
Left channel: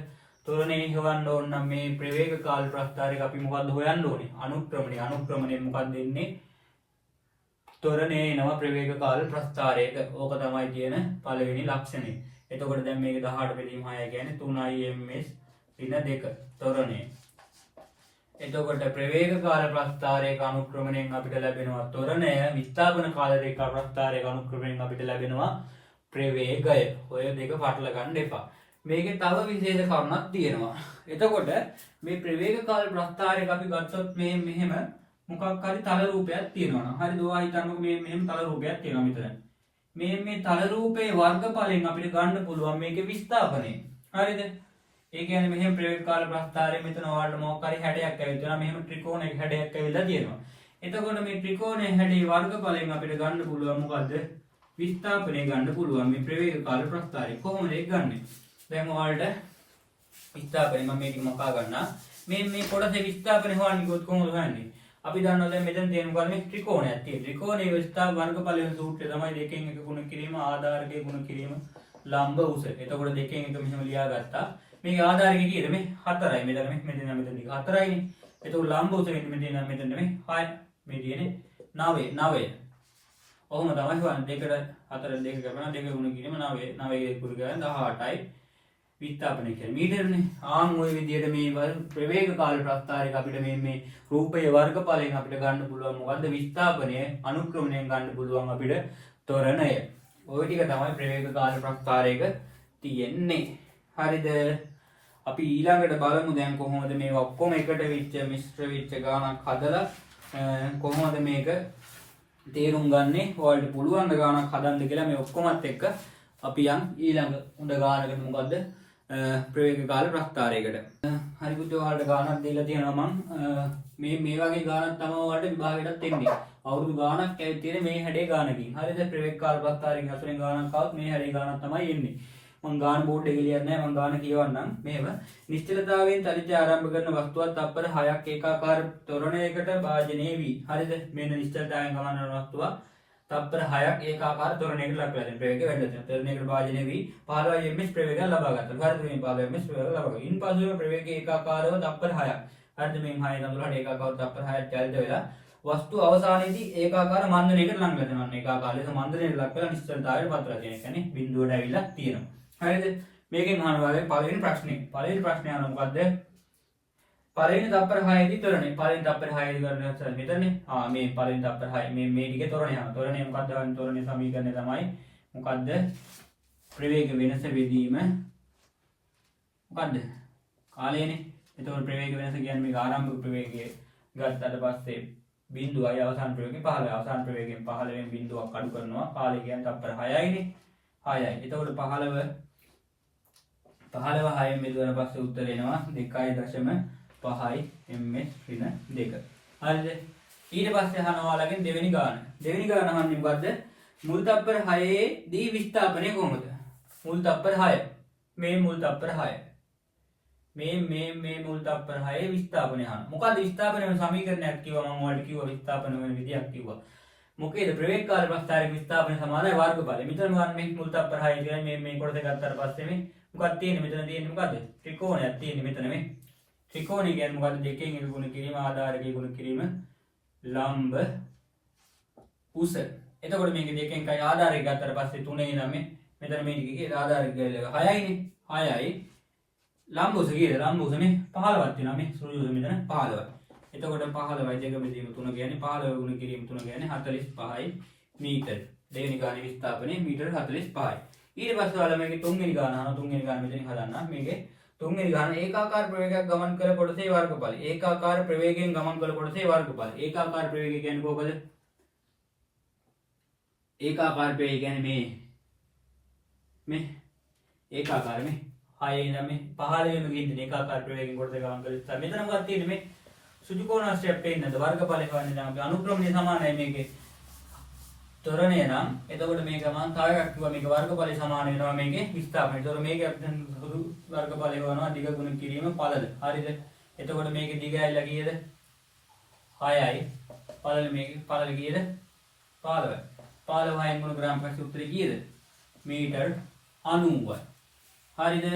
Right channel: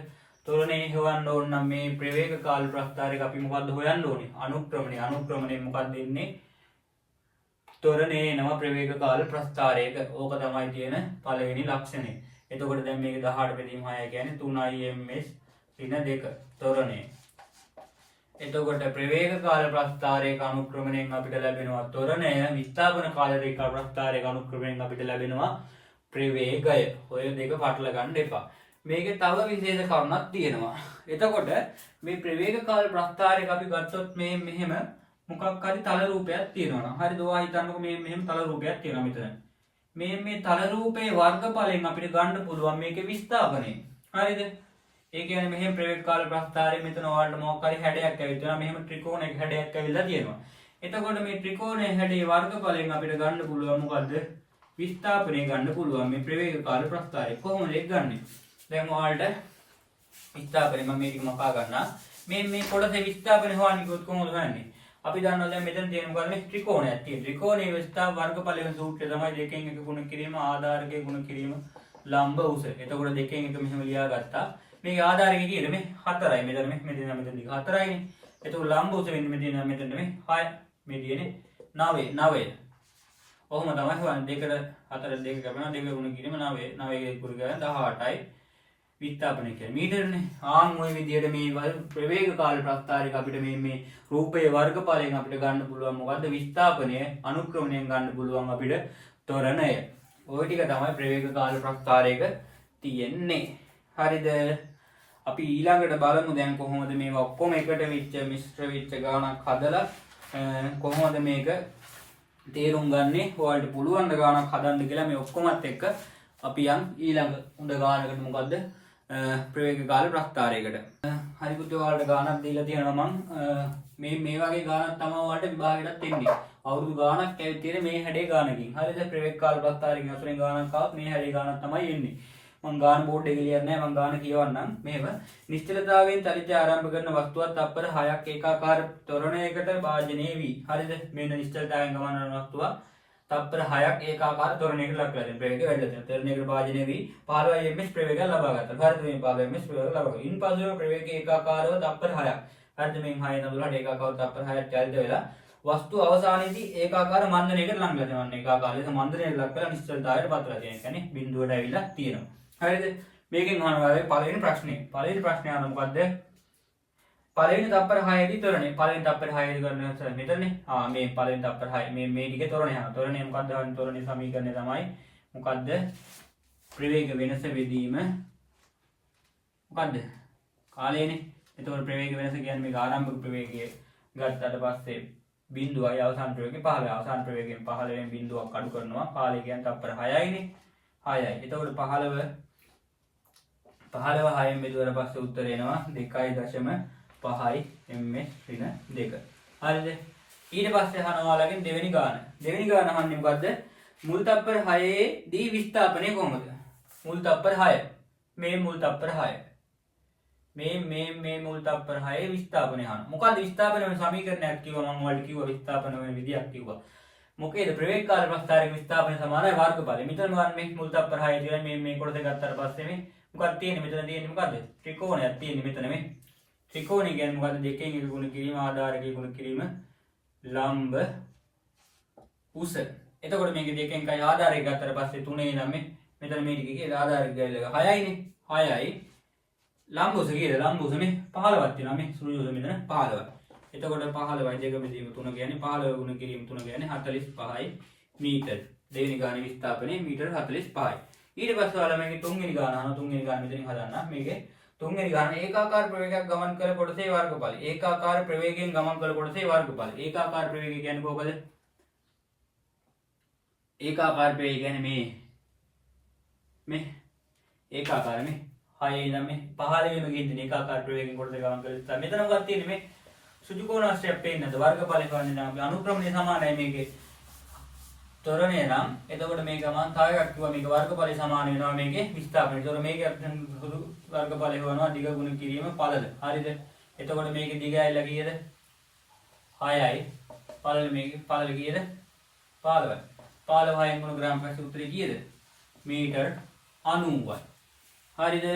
ත්වරණය හොයන්න ඕන නම් මේ ප්‍රවේග කාල ප්‍රස්ථාරයක අපි මොකද්ද හොයන්න ඕනේ? අනුක්‍රමණය. අනුක්‍රමණයෙන් මොකද්ද එන්නේ? ත්වරණය එනවා ප්‍රවේග කාල ප්‍රස්ථාරයක. ඕක තමයි තියෙන පළවෙනි ලක්ෂණය. එතකොට දැන් මේක 18 බෙදීම 6 කියන්නේ 3i ms ඍණ 2 ත්වරණය. එතකොට ප්‍රවේග කාල ප්‍රස්ථාරයක අනුක්‍රමණයෙන් අපිට ලැබෙනවා ත්වරණය. විස්ථාපන කාල රේඛා ප්‍රස්ථාරයක අනුක්‍රමණයෙන් අපිට ලැබෙනවා ප්‍රවේගය. ඔය දෙක පටල ගන්න එපා. මේකේ තව විශේෂ කරුණක් තියෙනවා. එතකොට මේ ප්‍රවේග කාල ප්‍රස්ථාරයක අපි ගත්තොත් මේ මෙහෙම මොකක් හරි තල රූපයක් තියෙනවා. හරිද? ඔයා හිතන්නකෝ මේ මෙහෙම තල රූපයක් තියෙනවා මෙතන. මේ තල රූපේ වර්ගඵලයෙන් අපිට ගන්න පුළුවන් මේකේ විස්ථාපනය. හරිද? ඒ කියන්නේ මෙහෙම ප්‍රවේග කාල ප්‍රස්ථාරයේ මෙතන ඔයාලට මොකක් හරි හැඩයක් ඇවිල්ලා මෙහෙම ත්‍රිකෝණයක හැඩයක් ඇවිල්ලා තියෙනවා. එතකොට මේ ත්‍රිකෝණයේ හැඩේ වර්ගඵලයෙන් අපිට ගන්න පුළුවන් මොකද්ද? විස්ථාපනය ගන්න පුළුවන් මේ ප්‍රවේග කාල ප්‍රස්ථාරය. කොහොමද ඒක ගන්නෙ? දැන් ඔයාලට විස්ථාපනය මම මේක මකා ගන්නවා. මේ කොටසේ විස්ථාපනය හොයන්නේ කොහොමද හොයන්නේ? අපි දන්නවා දැන් මෙතන තියෙන මොකද මේ ත්‍රිකෝණයක් තියෙනවා. ත්‍රිකෝණයේ විස්ථාප වර්ගඵලයෙන් සූත්‍රය තමයි දෙකෙන් එක ගුණ කිරීම ආධාරකයේ ගුණ කිරීම ලම්බ උස. එතකොට දෙකෙන් එක මෙහෙම ලියාගත්තා. මේකේ ආධාරකයේ කීයද මේ 4යි. මෙතන දිග 4යිනේ. එතකොට ලම්බ උස වෙන්නේ මෙතන මේ 6. මේ තියෙන්නේ 9. ඔහොම තමයි හොයන්නේ. 2 4 2 ගමන 2 ගුණ කිරීම 9. 9 ගුණ කරන 18යි. විස්ථාපනය කියන්නේ මීටරනේ. ආන් ওই විදිහට මේ ප්‍රවේග කාල ප්‍රස්ථාරයක අපිට මේ රූපයේ වර්ගඵලයෙන් අපිට ගන්න පුළුවන් මොකද්ද? විස්ථාපනය. අනුක්‍රමණයෙන් ගන්න පුළුවන් අපිට ත්වරණය. ওই ටික තමයි ප්‍රවේග කාල ප්‍රස්ථාරයක තියෙන්නේ. හරිද? අපි ඊළඟට බලමු දැන් කොහොමද මේවා ඔක්කොම එකට විච්ච මිශ්‍ර විච්ච ගානක් හදලා කොහොමද මේක තේරුම් ගන්නේ? ඔයාලට පුළුවන් ද ගානක් හදන්න කියලා මේ ඔක්කොමත් එක්ක අපි යන් ඊළඟ උඩ ගානකට මොකද්ද? ප්‍රවේග කාල ප්‍රස්ථාරයකට. හරි පුතේ ඔයාලට ගානක් දීලා තියෙනවා මම මේ වගේ ගානක් තමයි ඔයාලට විභාගයටත් එන්නේ. අවුරුදු ගානක් ඇවිත් තියෙන මේ හැඩේ ගානකින්. හරිද? ප්‍රවේග කාල ප්‍රස්ථාරයකින් අතුරෙන් ගානක් ආවොත් මේ හැඩේ ගානක් තමයි එන්නේ. මම ගාන බෝඩ් එකේ ලියන්නේ නැහැ. මම ගාන කියවන්නම්. මේව නිශ්චලතාවයෙන් චලිතය ආරම්භ කරන වස්තුවක් තප්පර 6ක් ඒකාකාර ත්වරණයකට භාජනය වී. හරිද? මේන නිශ්චලතාවයෙන් ගමන් කරන වස්තුවක් තප්පර 6ක් ඒකාකාර ත්වරණයකට ලක් වෙලා ප්‍රවේගය වැඩිලා තියෙනවා. ත්වරණයකට භාජනය වී 15 ms ප්‍රවේගය ලබා ගන්නවා. හරිද? මේ 15 ms ප්‍රවේගය ලබා ගන්නවා. ඉන්පසුව ප්‍රවේගය ඒකාකාරව තප්පර 6ක්. හරිද? මේ 6 නදුලට ඒකාකාරව තප්පර 6ක් චලිත වෙලා වස්තුව අවසානයේදී ඒකාකාර මන්දනයකට ලං වෙනවා. ඒකාකාරයේ මන්දනයට ලක් වෙලා නිශ්චලතාවයට පත් වෙලා තියෙන. කියන්නේ බිඳුවට ඇවිල්ලා තියෙනවා. හරිද? මේකෙන් අහනවා පළවෙනි ප්‍රශ්නේ. පළවෙනි ප්‍රශ්නේ අහන මොකද්ද? පළවෙනි තප්පර 6 දී ත්වරණය. පළවෙනි තප්පර 6 දී ගන්න උත්තර මෙතනනේ. මේ පළවෙනි තප්පර 6 මේ ටිකේ ත්වරණය අහන. ත්වරණය මොකද්ද? ත්වරණයේ සමීකරණය තමයි මොකද්ද? ප්‍රවේග වෙනස බෙදීම මොකද්ද? කාලයනේ. එතකොට ප්‍රවේග වෙනස කියන්නේ මේක ආරම්භක ප්‍රවේගය ගත්තට පස්සේ බිඳුවයි අවසාන ප්‍රවේගය 15. අවසාන ප්‍රවේගයෙන් 15 බිඳුවක් අඩු කරනවා. කාලය කියන්නේ තප්පර 6යිනේ. 6යි. එතකොට 15 6න් බෙදුවට පස්සේ උත්තර එනවා 2.5 ms ඍණ 2. හරිද? ඊට පස්සේ අහනවා ඔයාලගෙන් දෙවෙනි ගාන. දෙවෙනි ගාන අහන්නේ මොකද්ද? මුල් තප්පර 6 දී විස්ථාපනය කොහොමද? මුල් තප්පර 6. මේ මුල් තප්පර 6. මේ මුල් තප්පර 6 විස්ථාපනය අහනවා. මොකද්ද විස්ථාපන වෙන සමීකරණයක් කිව්වා මම ඔයාලට කිව්වා විස්ථාපන වෙන විදියක් කිව්වා. මොකේද ප්‍රවේග කාල ප්‍රස්ථාරක විස්ථාපන සමානයි වර්ගඵලය. මෙතන ගන්න මේ මුල් තප්පර 6 තියෙන මේ කොටස ගත්තාට පස්සේ මේ මොකක්ද තියෙන්නේ? මෙතන තියෙන්නේ මොකද්ද? ත්‍රිකෝණයක් තියෙන්නේ මෙතන මේ. ත්‍රිකෝණය කියන්නේ මොකද්ද? දෙකෙන් එක ගුණ කිරීම ආධාරකයේ ගුණ කිරීම ලම්බ උස. එතකොට මේක දෙකෙන් කයි ආධාරය ගත්තාට පස්සේ 3 නම් මේ මෙතන මේ ටිකේ ආධාරය ගිහලා 6යිනේ. 6යි ලම්බ උස කීයද? ලම්බ උස මේ 15ක් තියෙනවා මේ සුළු උස මෙතන 15යි. එතකොට 15යි දෙක මෙදීම 3 කියන්නේ 15 ගුණ කිරීම 3 කියන්නේ 45යි මීටර. දෙවෙනි ගානේ විස්ථාපනයේ මීටර 45යි. ඊට පස්සේ ඔයාලා මේකේ තුන්වෙනි ගාන අහනවා. තුන්වෙනි ගාන මෙතනින් හදන්න. මේකේ තුන්වෙනි ගාන ඒකාකාර ප්‍රවේගයක් ගමන් කළ කොටසේ වර්ගඵල. ඒකාකාර ප්‍රවේගයෙන් ගමන් කළ කොටසේ වර්ගඵල. ඒකාකාර ප්‍රවේගය කියන්නේ කොහොමද? ඒකාකාර ප්‍රවේගය කියන්නේ මේ ඒකාකාර මේ 6 ඉඳන් මේ 15 වෙනු ගිහින් ඒකාකාර ප්‍රවේගයෙන් කොටසේ ගමන් කළා. මෙතන මොකක්ද තියෙන්නේ මේ සුදු කෝණාශ්‍රයක් පේන්නද වර්ගඵලය හොයන්නේ නම් අනුක්‍රමණය සමානයි මේකේ ත්වරණය නම් එතකොට මේක මම තව එකක් කිව්වා මේක වර්ගඵලය සමාන වෙනවා මේකේ විස්ථාපනය. ඒතකොට මේකේ සුදු වර්ගඵලය හොයනවා දිග ගුණ කිරීම පළල. හරිද? එතකොට මේකේ දිග ඇවිල්ලා කීයද? 6යි. පළල මේකේ පළල කීයද? 15යි. 15යි ගුණ ග්‍රාම් පස්සේ උත්තරේ කීයද? මීටර් 90යි. හරිද?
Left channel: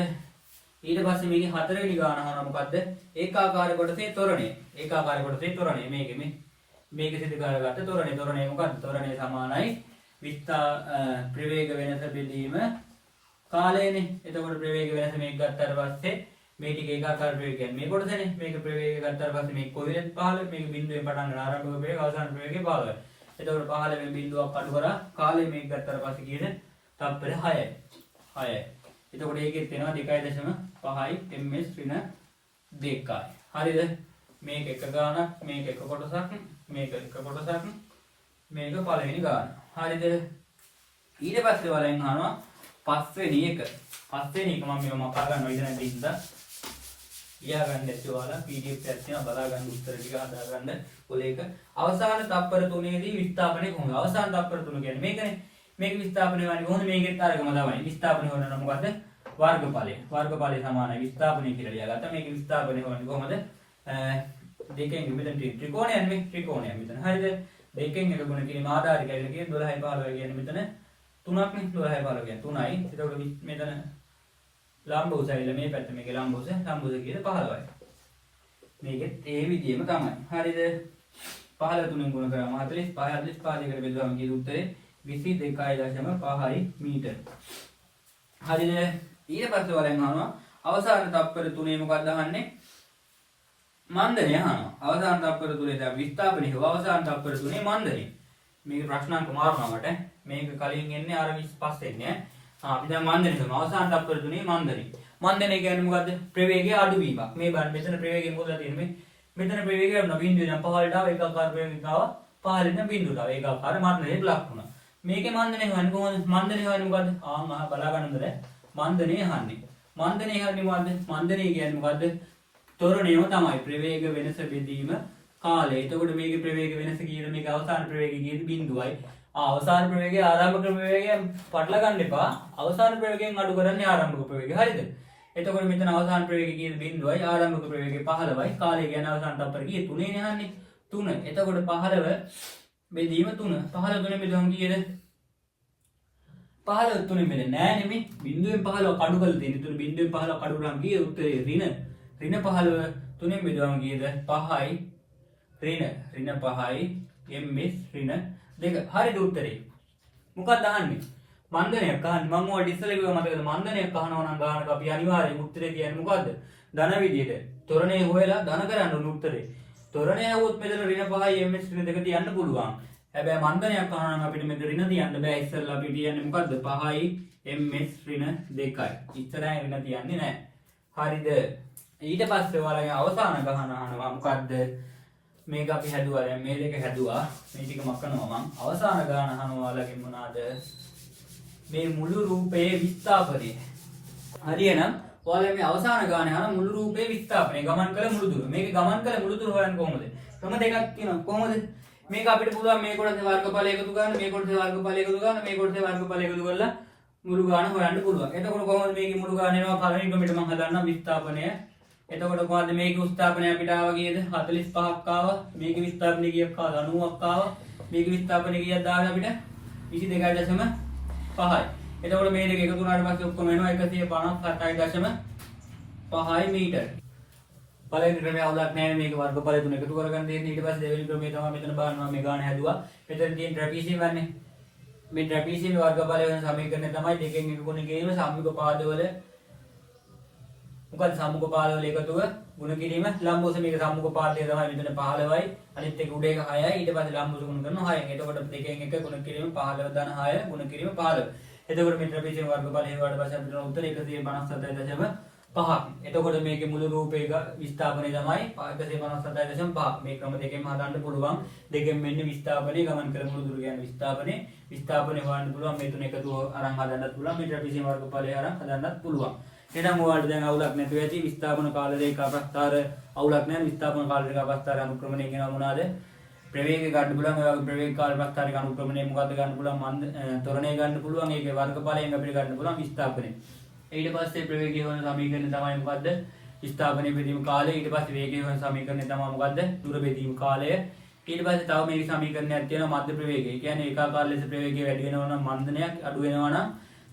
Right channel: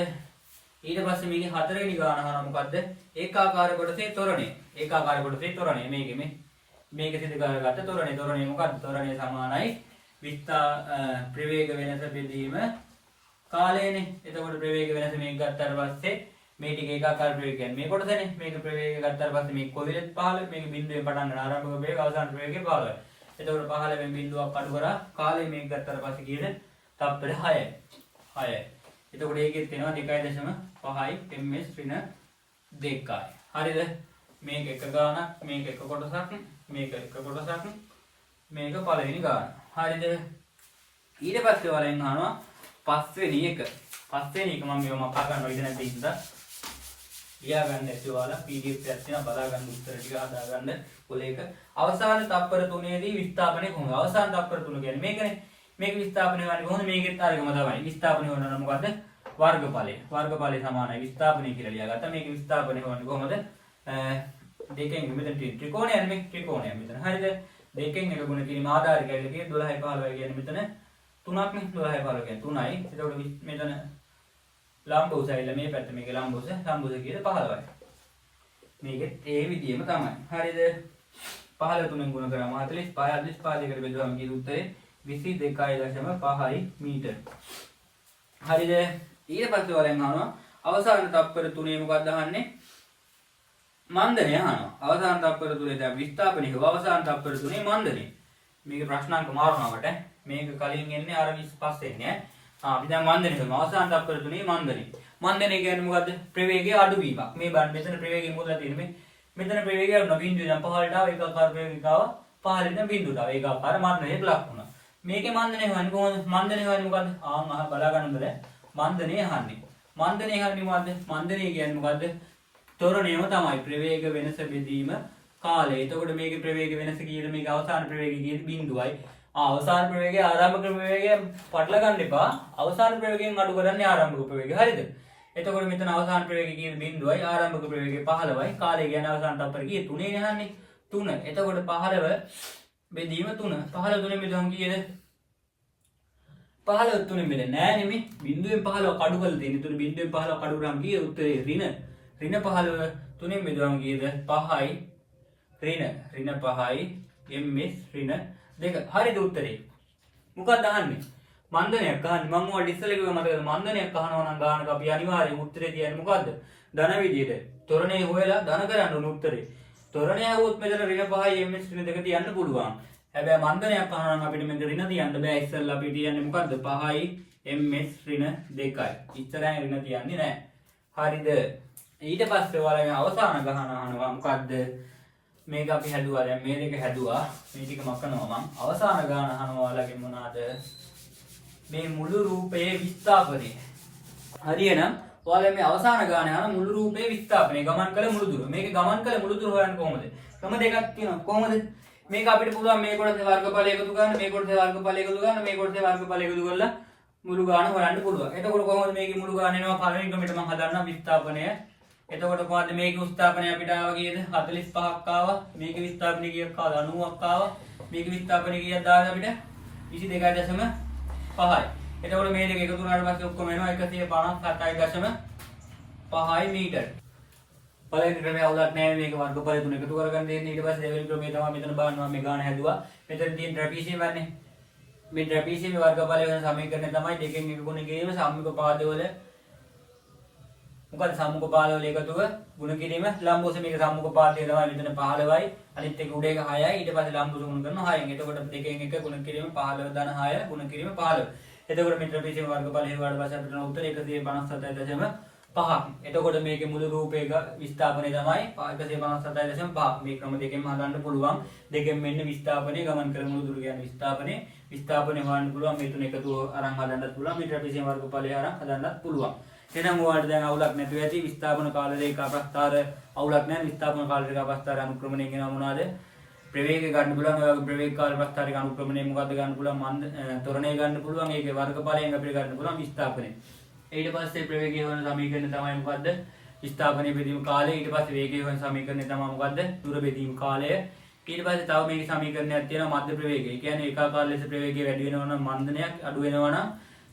ඊට පස්සේ මේකේ හතරවෙනි ගාන අහනවා මොකද්ද? ඒකාකාර කොටසේ ත්වරණය. ඒකාකාර කොටසේ ත්වරණය මේකේ මේක සිදු කරගත්ත ත්වරණය. ත්වරණය මොකක්ද? ත්වරණය සමානයි ප්‍රවේග වෙනස බෙදීම කාලයනේ. එතකොට ප්‍රවේග වෙනස මේක ගත්තාට පස්සේ මේ ටික ඒකාකාර ප්‍රවේග කියන්නේ මේ කොටසනේ. මේක ප්‍රවේග ගත්තාට පස්සේ මේක කොහෙද 15 මේක බිඳුවෙන් පටන් ගන්න ආරම්භක ප්‍රවේග අවසාන ප්‍රවේගය 15. එතකොට 15 වෙනි බිඳුවක් අඩු කරා කාලය මේක ගත්තාට පස්සේ කීයද? තප්පර 6යි. 6යි. එතකොට ඒකෙත් වෙනවා 2.5යි ms ඍණ 2යි. හරිද? මේක එක ගානක්, මේක එක කොටසක්, මේක එක කොටසක්, මේක පළවෙනි ගාන. හරිද? ඊට පස්සේ වලින් අහනවා පස්වෙනි එක. පස්වෙනි එක මම මේව මපා ගන්න විදිහ නැති හින්දා ලියා ගන්න ඇති ඔයාලා PDF එකක් තියෙනවා බලා ගන්න උත්තර ටික හදා ගන්න. පොලේක අවසාන තප්පර 3ේදී විස්ථාපනය කොහොමද? අවසාන තප්පර 3 කියන්නේ මේකනේ. මේක විස්ථාපනය කරන්නේ කොහොමද? මේකෙත් අරගම තමයි. විස්ථාපනය කරනවා මොකද්ද? වර්ගඵලය. වර්ගඵලය සමානයි විස්ථාපනය කියලා ලියාගත්තා. මේක විස්ථාපනය කරන්නේ කොහොමද? දෙකෙන් මෙතන ත්‍රිකෝණයක් මේ ත්‍රිකෝණයක් මෙතන. හරිද? දෙකෙන් එක ගුණ කිරීම ආධාරය කියලා කියේ 12යි 15යි කියන්නේ මෙතන 3ක් නේ. 12යි 15 කියන්නේ 3යි. එතකොට මෙතන ලම්බ උස ඇවිල්ලා මේ පැත්ත මේක ලම්බ උස කීයද 15යි. මේකෙත් ඒ විදිහම තමයි. හරිද? 15 3 ගුණ කරාම 45 45 දෙකට බෙදුවම කීයද උත්තරේ 22.5 මීටර. හරිද? ඊට පස්සේ වලින් අහනවා අවසාන තප්පර 3 මොකක්ද අහන්නේ? මන්දනය අහනවා. අවසාන තප්පර 3 දැන් විස්ථාපනය හව අවසාන තප්පර 3 මන්දනය. මේක ප්‍රශ්නාංක මාරුණා මට. මේක කලින් එන්නේ අර 25 එන්නේ. අපි දැන් මන්දනය කරනවා. අවසාන තප්පර 3 මන්දනය. මන්දනය කියන්නේ මොකද්ද? ප්‍රවේගයේ අඩුවීමක්. මේ බලන්න මෙතන ප්‍රවේගය මොකද තියෙන්නේ? මෙතන ප්‍රවේගය අඩු බිඳුව ඉඳන් 15ට ආව ඒකාකාර ප්‍රවේගයක ආව 15 ඉඳන් බිඳුවට ආව ඒකාකාර මන්දනයට ලක් වුණා. මේකේ මන්දනය හොයන්නේ කොහොමද? මන්දනය හොයන්නේ මොකද්ද? බලා ගන්න හොඳද? මන්දනය අහන්නේ. මන්දනය හොයන්නේ මොකද්ද? මන්දනය කියන්නේ මොකද්ද? ත්වරණයම තමයි ප්‍රවේග වෙනස බෙදීම කාලය. එතකොට මේකේ ප්‍රවේග වෙනස කීයද? මේක අවසාන ප්‍රවේගය කීයද? බිඳුවයි. අවසාන ප්‍රවේගය ආරම්භක ප්‍රවේගය පටල ගන්න එපා. අවසාන ප්‍රවේගයෙන් අඩු කරන්නේ ආරම්භක ප්‍රවේගය. හරිද? එතකොට මෙතන අවසාන ප්‍රවේගය කීයද? බිඳුවයි. ආරම්භක ප්‍රවේගය 15යි. කාලය කියන්නේ අවසාන තප්පර කීයද? 3 නේ අහන්නේ. 3. එතකොට 15 බෙදීම 3. 15 3 බෙදුවම කීයද? 15 3 බෙදෙන්නේ නෑ නෙමෙයි. බිඳුවෙන් 15 කඩු කරලා තියෙන. ඒතර බිඳුවෙන් 15 කඩු කරාම කීයද උත්තරේ? ඍණ 15 3 බෙදුවම කීයද? 5යි ඍණ 5යි ms ඍණ 2. හරිද උත්තරේ? මොකක්ද අහන්නේ? මන්දනයක් අහන්නේ. මම ඔයාලට ඉස්සෙල්ලා කිව්වා මතකද? මන්දනයක් අහනවා නම් ගානක අපි අනිවාර්යෙන් උත්තරේ කියන්නේ මොකද්ද? ධන විදියට. ත්වරණය හොයලා ධන කරන්න ඕන උත්තරේ. ත්වරණය આવොත් මෙතන ඍණ 5යි ms ඍණ 2 තියන්න පුළුවන්. හැබැයි මන්දනයක් අහනවා නම් අපිට මෙතන ඍණ තියන්න බෑ. ඉස්සෙල්ලා අපි තියන්නේ මොකද්ද? 5යි ms ඍණ 2යි. ඉස්සරහින් ඍණ තියන්නේ නැහැ. හරිද? ඊට පස්සේ ඔයාලගේ අවසාන ගහන අහනවා මොකද්ද? මේක අපි හැදුවා. දැන් මේ දෙක හැදුවා. මේ ටික මකනවා මම. අවසාන ගාන අහනවා ඔයාලගේ මොනවාද? මේ මුළු රූපයේ විස්ථාපනය. හරියනම් ඔයාලා මේ අවසාන ගාන අහන මුළු රූපයේ විස්ථාපනය ගමන් කළ මුළු දුර. මේක ගමන් කළ මුළු දුර හොයන්නේ කොහොමද? ක්‍රම දෙකක් තියෙනවා. කොහොමද? මේක අපිට පුළුවන් මේ කොටසේ වර්ගඵල එකතු ගන්න, මේ කොටසේ වර්ගඵල එකතු ගන්න, මේ කොටසේ වර්ගඵල එකතු කරලා මුළු ගාන හොයන්න පුළුවන්. එතකොට කොහොමද මේකේ මුළු ගාන එනවා? පළවෙනි ක්‍රමයට මම හදන්නම් විස්ථාපනය. එතකොට කොහොමද මේකේ විස්ථාපනය අපිට ආවා කීයද? 45ක් ආවා. මේකේ විස්ථාපනය කීයක් ආවා? 90ක් ආවා. මේක විස්ථාපන කීයක් දාන්න අපිට 22.5යි. එතකොට මේ දෙක එකතු වුණාට පස්සේ ඔක්කොම එනවා 157.5 මීටර. පළවෙනි ක්‍රමයේ අවුලක් නැහැ මේක වර්ගඵල තුන එකතු කරගන්න දෙන්නේ. ඊට පස්සේ දෙවෙනි ක්‍රමයේ තමයි මෙතන බලනවා මේ ගාන හැදුවා. මෙතන තියෙන ට්‍රැපීසියම් වන්නේ. මේ ට්‍රැපීසියම් වර්ගඵලය වෙන සමීකරණය තමයි දෙකෙන් එක ගුණ කිරීම සම්මුඛ පාදවල මොකද සම්මුඛ පාදවල එකතුව ගුණ කිරීම ලම්බෝස මේක සම්මුඛ පාදය තමයි මෙතන 15යි අනිත් එක උඩ එක 6යි ඊට පස්සේ ලම්බෝස ගුණ කරනවා 6න්. එතකොට දෙකෙන් එක ගුණ කිරීම 15 ධන 6 ගුණ කිරීම 15. එතකොට මේ ට්‍රැපීසියම් වර්ගඵලය හේවාට පස්සේ අපිට උත්තර 157.5. එතකොට මේකේ මුළු රූපයක විස්ථාපනය තමයි 157.5. මේ ක්‍රම දෙකෙන්ම හදන්න පුළුවන්. දෙකෙන් මෙන්න විස්ථාපනය ගමන් කරන මුළු දුර කියන්නේ විස්ථාපනය හොයන්න පුළුවන්. මේ තුන එකතුව අරන් හදන්නත් පුළුවන්. මේ ට්‍රැපීසියම් වර්ගඵලය අරන් හදන්නත් පුළුවන්. එහෙනම් ඔයාලට දැන් අවුලක් නැතුව ඇති. විස්ථාපන කාල රේඛා ප්‍රස්ථාර අවුලක් නැහැ. විස්ථාපන කාල රේඛා ප්‍රස්ථාර අනුක්‍රමණය කියනවා මොනවාද? ප්‍රවේගය ගන්න පුළුවන්. ඔය වගේ ප්‍රවේග කාල ප්‍රස්ථාරික අනුක්‍රමණය මොකද්ද ගන්න පුළුවන්? මන්ද ත්වරණය ගන්න පුළුවන්. ඒකේ වර්ගඵලයෙන් අපිට ගන්න පුළුවන් විස්ථාපනය. ඊට පස්සේ ප්‍රවේගය වෙන සමීකරණය තමයි මොකද්ද? විස්ථාපනයේ බෙදීම කාලය. ඊට පස්සේ වේගය වෙන සමීකරණය තමයි මොකද්ද? දුර බෙදීම කාලය. ඊට පස්සේ තව මේකේ සමීකරණයක් තියෙනවා මධ්‍ය ප්‍රවේගය. ඒ කියන්නේ ඒකාකාර ලෙස ප්‍රවේගය වැඩි වෙනවා නම් මන්දනයක්, අඩු වෙනවා නම්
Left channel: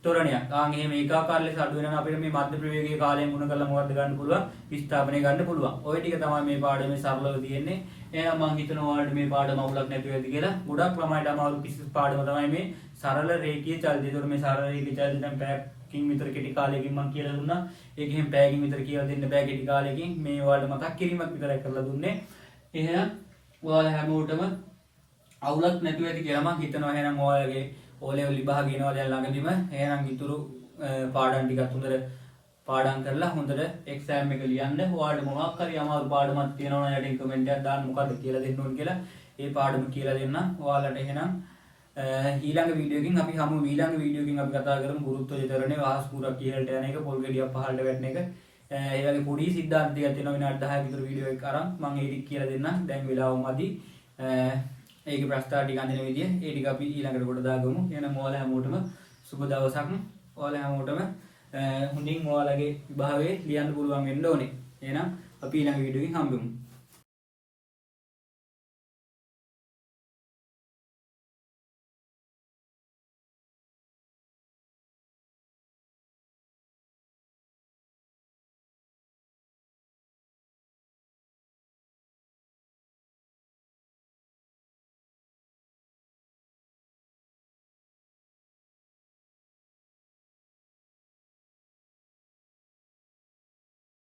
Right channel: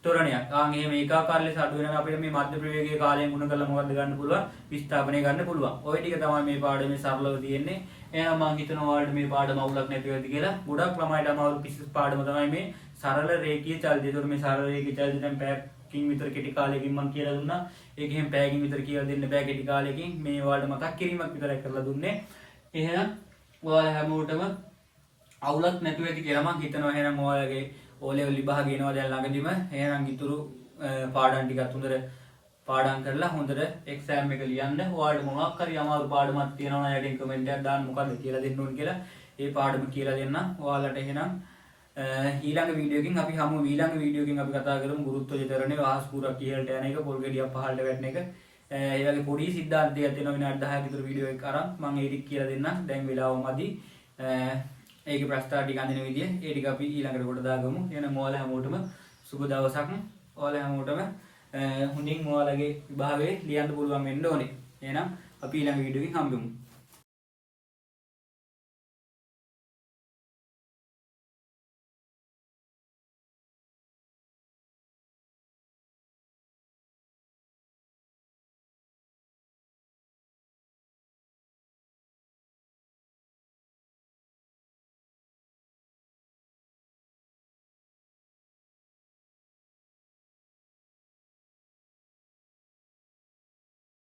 ත්වරණයක්. එහෙම ඒකාකාර ලෙස අඩු වෙනවා නම් අපිට මේ මධ්‍ය ප්‍රවේගයේ කාලයෙන් ගුණ කරලා මොකද්ද ගන්න පුළුවන්? විස්ථාපනය ගන්න පුළුවන්. ওই ටික තමයි මේ පාඩමේ සරලව තියෙන්නේ. එහෙනම් මම හිතනවා ඔයාලට මේ පාඩම අවුලක් නැතුව ඇති කියලා. ගොඩක් ළමයිට අමාරු කිසි පාඩම තමයි මේ සරල රේඛීය චලිතය. ඒතකොට මේ සරල රේඛීය චලිතය දැන් පැයකින් විතර කෙටි කාලයකින් මම කියලා දුන්නා. ඒක එහෙම පැයකින් විතර කියලා දෙන්න බෑ කෙටි කාලයකින්. මේ ඔයාලට මතක් කිරීමක් විතරයි කරලා දුන්නේ. එහෙනම් ඔයාලා හැමෝටම අවුලක් නැතුව ඇති කියලා මම හිතනවා. එහෙනම් ඔයාලගේ O level විභාගය එනවා දැන් ළඟදිම. එහෙනම් ඉතුරු පාඩම් ටිකත් හොඳට පාඩම් කරලා හොඳට එක්සෑම් එක ලියන්න. ඔයාලට මොනවක් හරි අමාරු පාඩමක් තියෙනවා නම් යටින් කමෙන්ට් එකක් දාන්න මොකද්ද කියලා දෙන්න ඕන කියලා. ඒ පාඩම කියලා දෙන්න. ඔයාලට එහෙනම් ඊළඟ වීඩියෝ එකකින් අපි හමු. ඊළඟ වීඩියෝ එකකින් අපි කතා කරමු ගුරුත්ව චිතරණය, වාහස් පුරක් ඉහළට යන එක, පොල් ගෙඩියක් පහළට වැටෙන එක. ඒ වගේ පොඩි සිද්ධාන්ත ටිකක් තියෙනවා. විනාඩි 10ක විතර වීඩියෝ එකක් අරන් මම ඒ ටික කියලා දෙන්නම්. දැන් වෙලාව මදි. ඒකේ ප්‍රස්තාව ටික අඳින විදිය ඒ ටික අපි ඊළඟට කොට දාගමු. එහෙනම් ඔයාලා හැමෝටම සුබ දවසක්. ඔයාලා හැමෝටම හොඳින් ඔයාලගේ විභාගයේ ලියන්න පුළුවන් වෙන්න ඕනේ. එහෙනම් අපි ඊළඟ වීඩියෝ එකකින් හම්බෙමු.